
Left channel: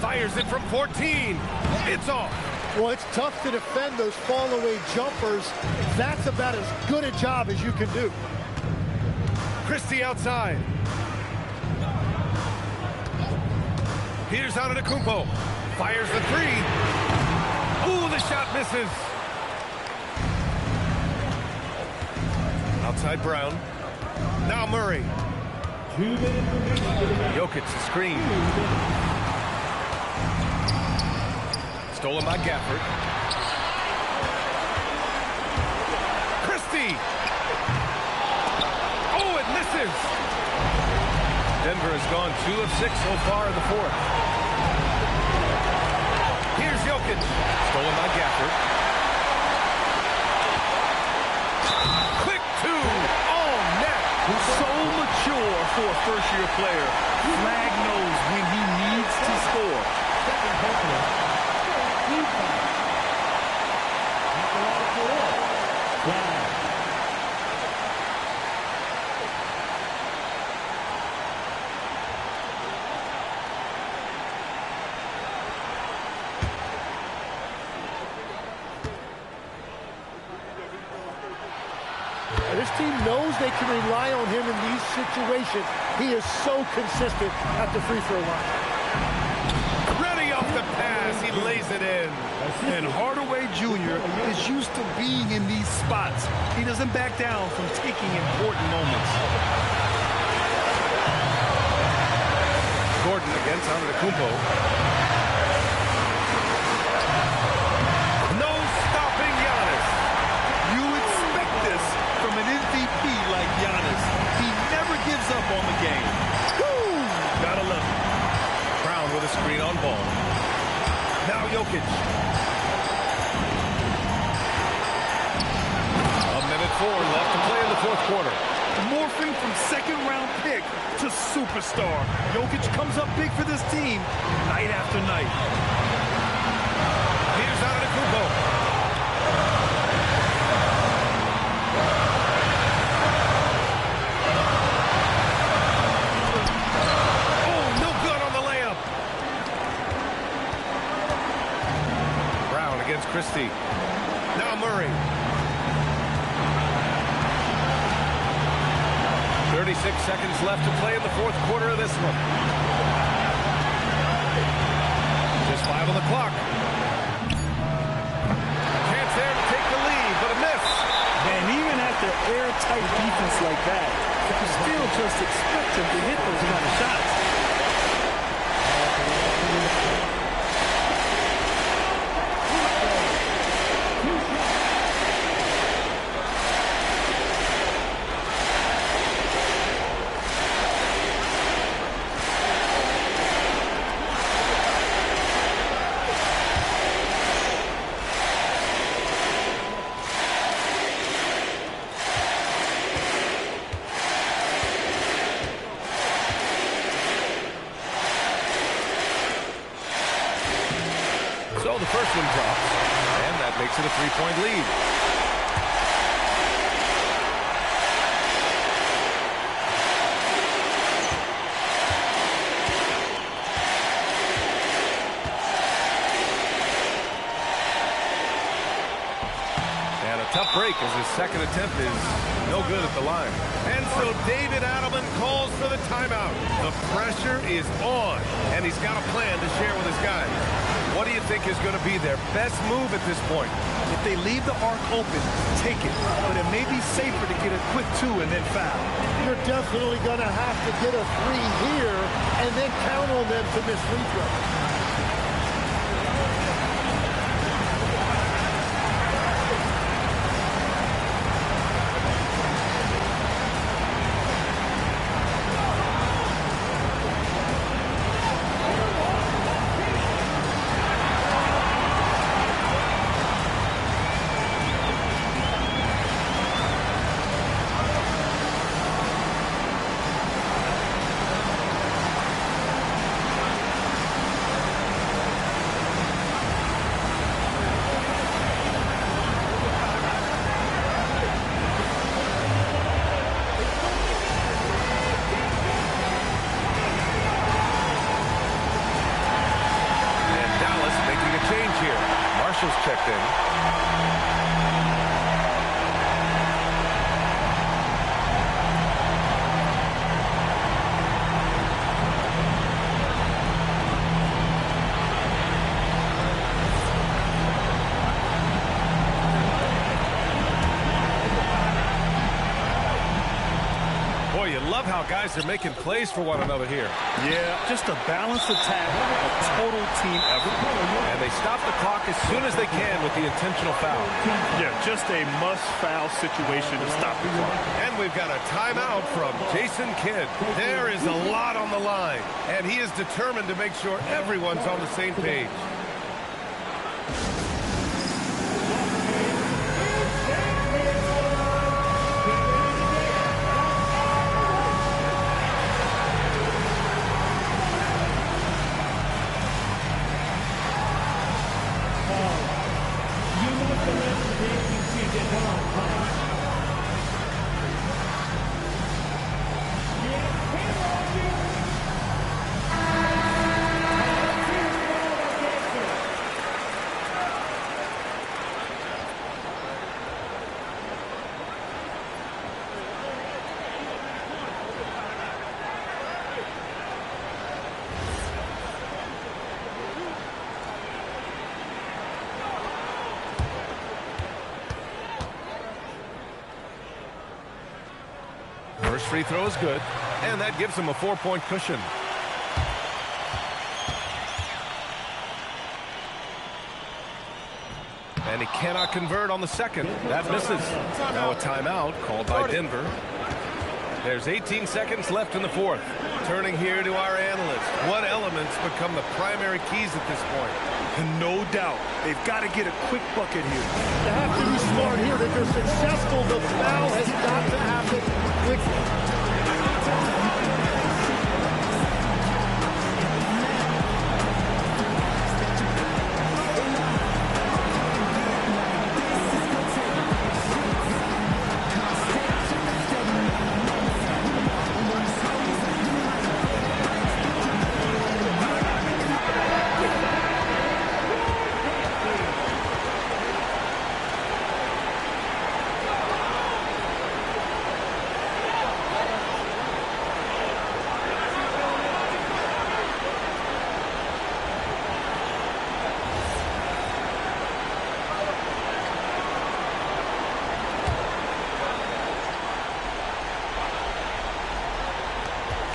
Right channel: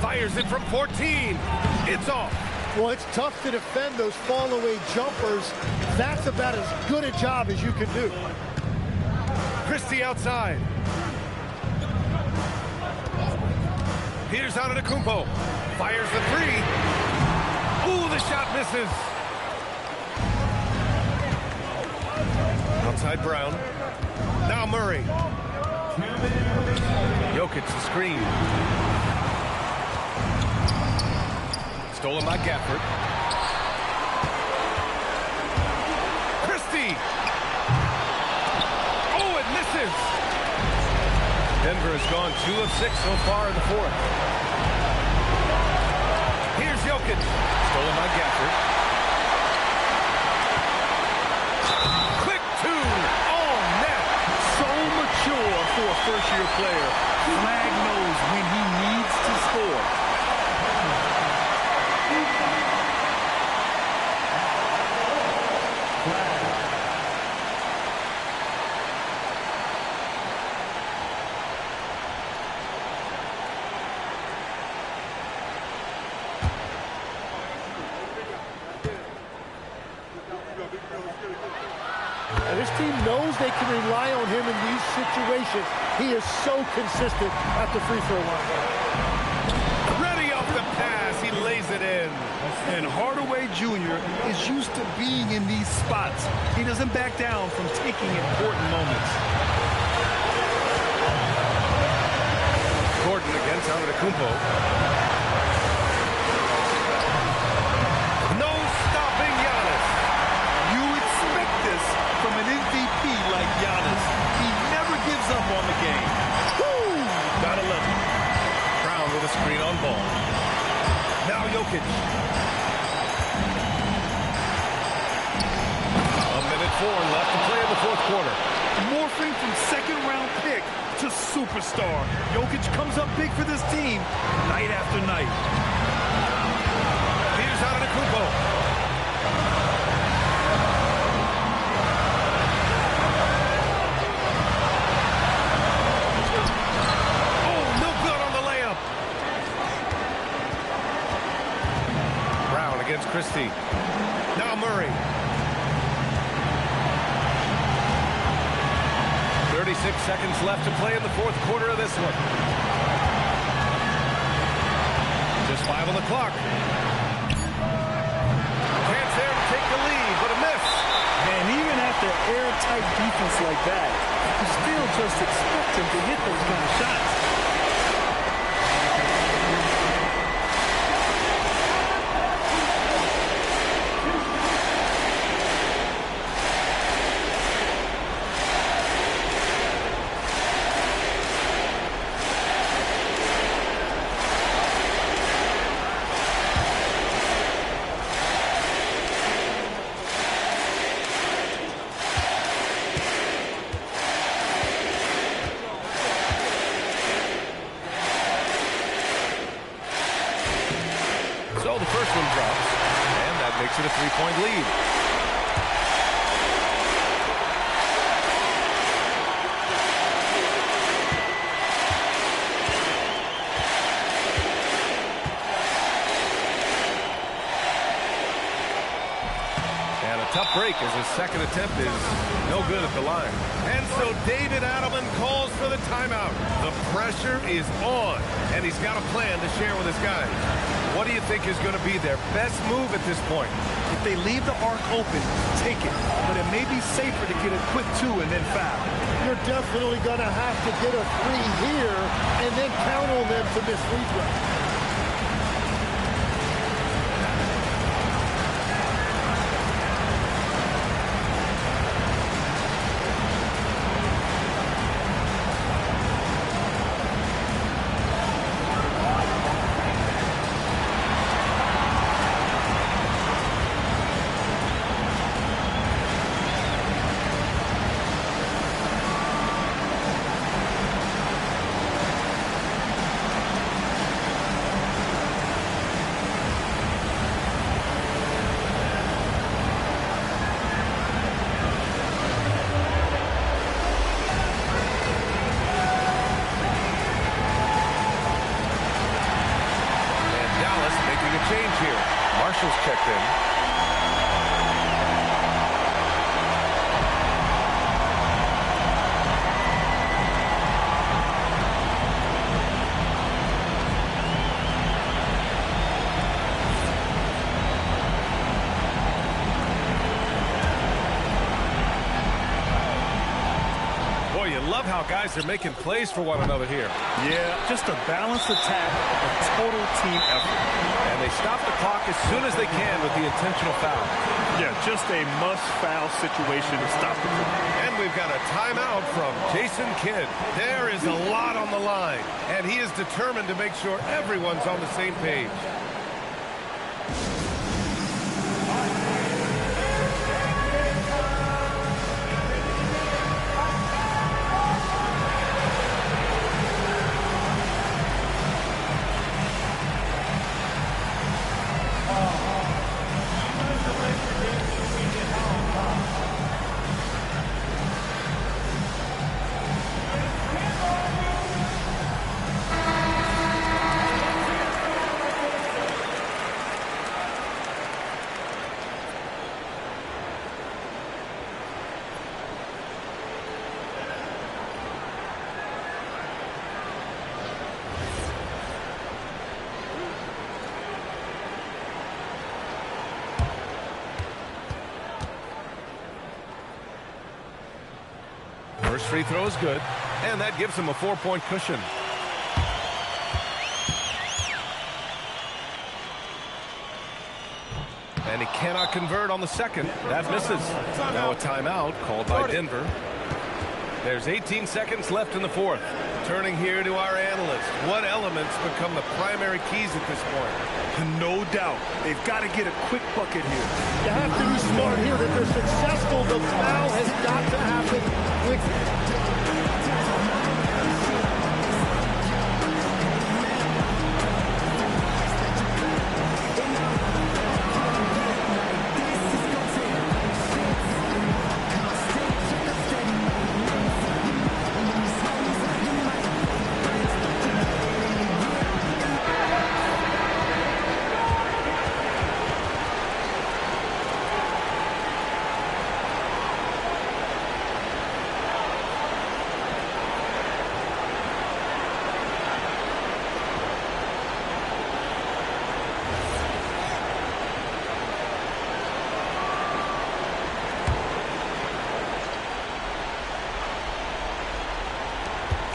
Fires it from 14. It's off. Well, it's tough to defend those fall-away jumpers. That's about as good a job as you can do. Christie outside. Here's Antetokounmpo. Fires the 3. Ooh, the shot misses. Outside Brown. Now Murray. Jokic the screen. Stolen by Gafford. Christie. Oh, it misses. Denver has gone 2 of 6 so far in the 4th. Here's Jokic. Stolen by Gafford. Quick 2. Oh, net. So mature for a first-year player. Flag knows when he needs to score. This team knows they can rely on him in these situations. He is so consistent at the free throw line. Ready off the pass. He lays it in. And Hardaway Jr. is used to being in these spots. He doesn't back down from taking important moments. Gordon against Antetokounmpo. No stopping Giannis. You expect this from an MVP like Giannis. He never gives up on the game. Woo! Gotta love it. Brown with a screen on Ball. Now Jokic. 1:04 left to play in the 4th quarter. morphing from second-round pick to superstar. Jokic comes up big for this team night after night. Here's Antetokounmpo. Against Christie. Now Murray. 36 seconds left to play in the fourth quarter of this one. Just 5 on the clock. A chance there to take the lead, but a miss. And even after airtight defense like that, you still just expect him to hit those kind of shots. So the first one drops, and that makes it a 3-point lead. And a tough break as his second attempt is no good at the line. And so David Adelman calls for the timeout. The pressure is on, and he's got a plan to share with his guys. What do you think is going to be their best move at this point? If they leave the arc open, take it. But it may be safer to get a quick 2 and then foul. You're definitely going to have to get a 3 here and then count on them to miss free throws. Making a change here. Marshall's checked in. Boy, you love how guys are making plays for one another here. Yeah, just a balanced attack, a total team effort. And they stop the clock as soon as they can with the intentional foul. Yeah, just a must-foul situation to stop the clock. And we've got a timeout from Jason Kidd. There is a lot on the line, and he is determined to make sure everyone's on the same page. First free throw is good, and that gives him a 4-point cushion. And he cannot convert on the second. That misses. Now a timeout called by Denver. There's 18 seconds left in the fourth. Turning here to our analyst. What elements become the primary keys at this point? No doubt. They've got to get a quick bucket here. You have to be smart here. If they're successful, the foul has got to happen quickly.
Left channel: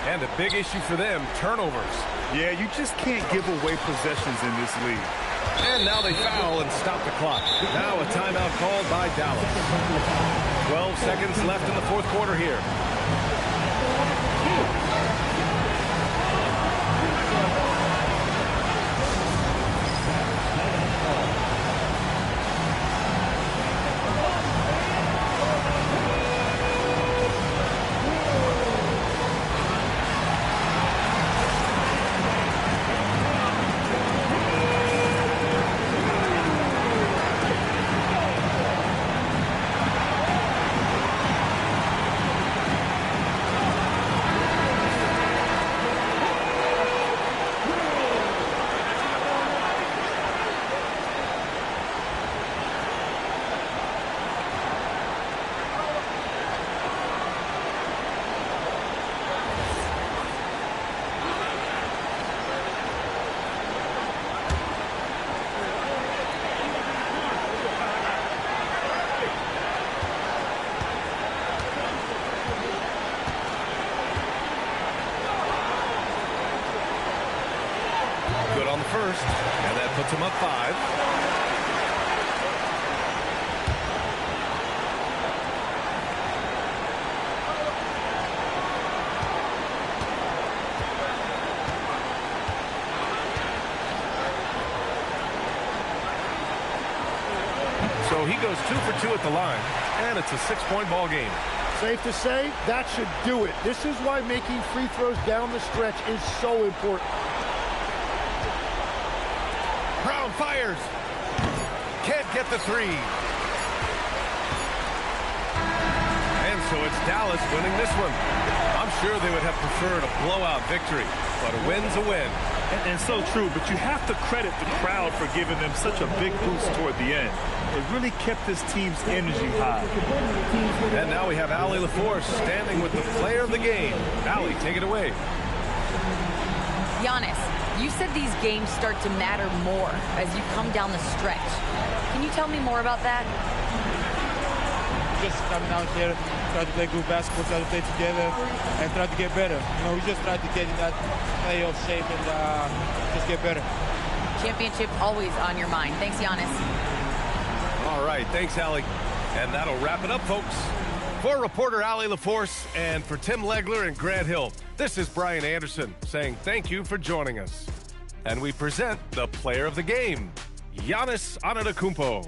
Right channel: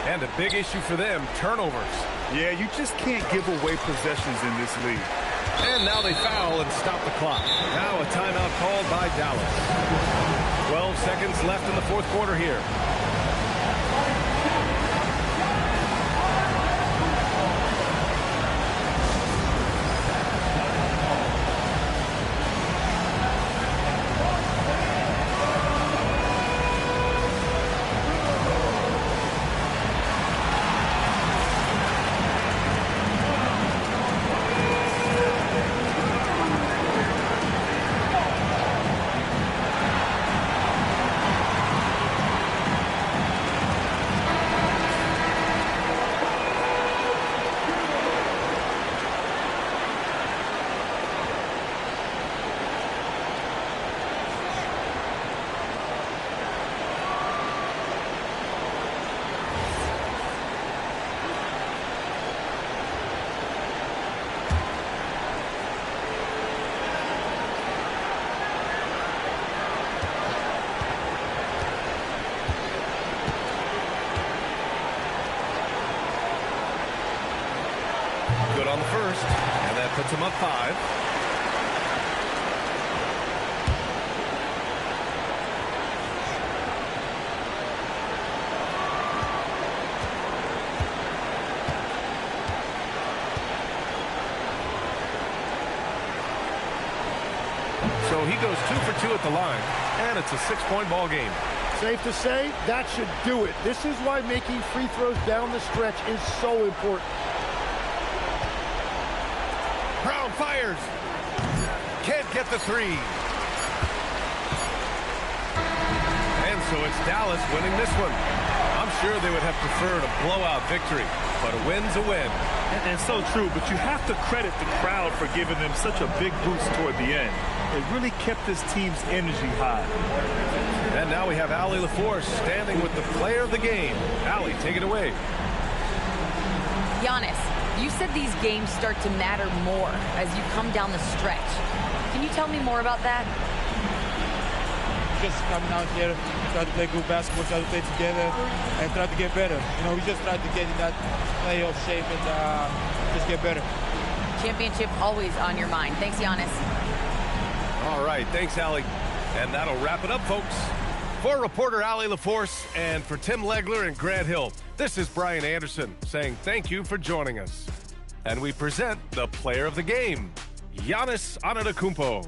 And a big issue for them, turnovers. Yeah, you just can't give away possessions in this league. And now they foul and stop the clock. Now a timeout called by Dallas. 12 seconds left in the fourth quarter here. Good on the first, and that puts him up 5. So he goes 2 for 2 at the line, and it's a 6-point ball game. Safe to say, that should do it. This is why making free throws down the stretch is so important. Brown fires. Can't get the 3. And so it's Dallas winning this one. I'm sure they would have preferred a blowout victory, but a win's a win. And so true, but you have to credit the crowd for giving them such a big boost toward the end. It really kept this team's energy high. And now we have Allie LaForce standing with the player of the game. Allie, take it away. Giannis, you said these games start to matter more as you come down the stretch. Can you tell me more about that? Just coming out here, try to play good basketball, try to play together, and try to get better. You know, we just try to get in that playoff shape and just get better. Championship always on your mind. Thanks, Giannis. All right, thanks, Allie. And that'll wrap it up, folks. For reporter Allie LaForce and for Tim Legler and Grant Hill, this is Brian Anderson saying thank you for joining us. And we present the player of the game, Giannis Antetokounmpo.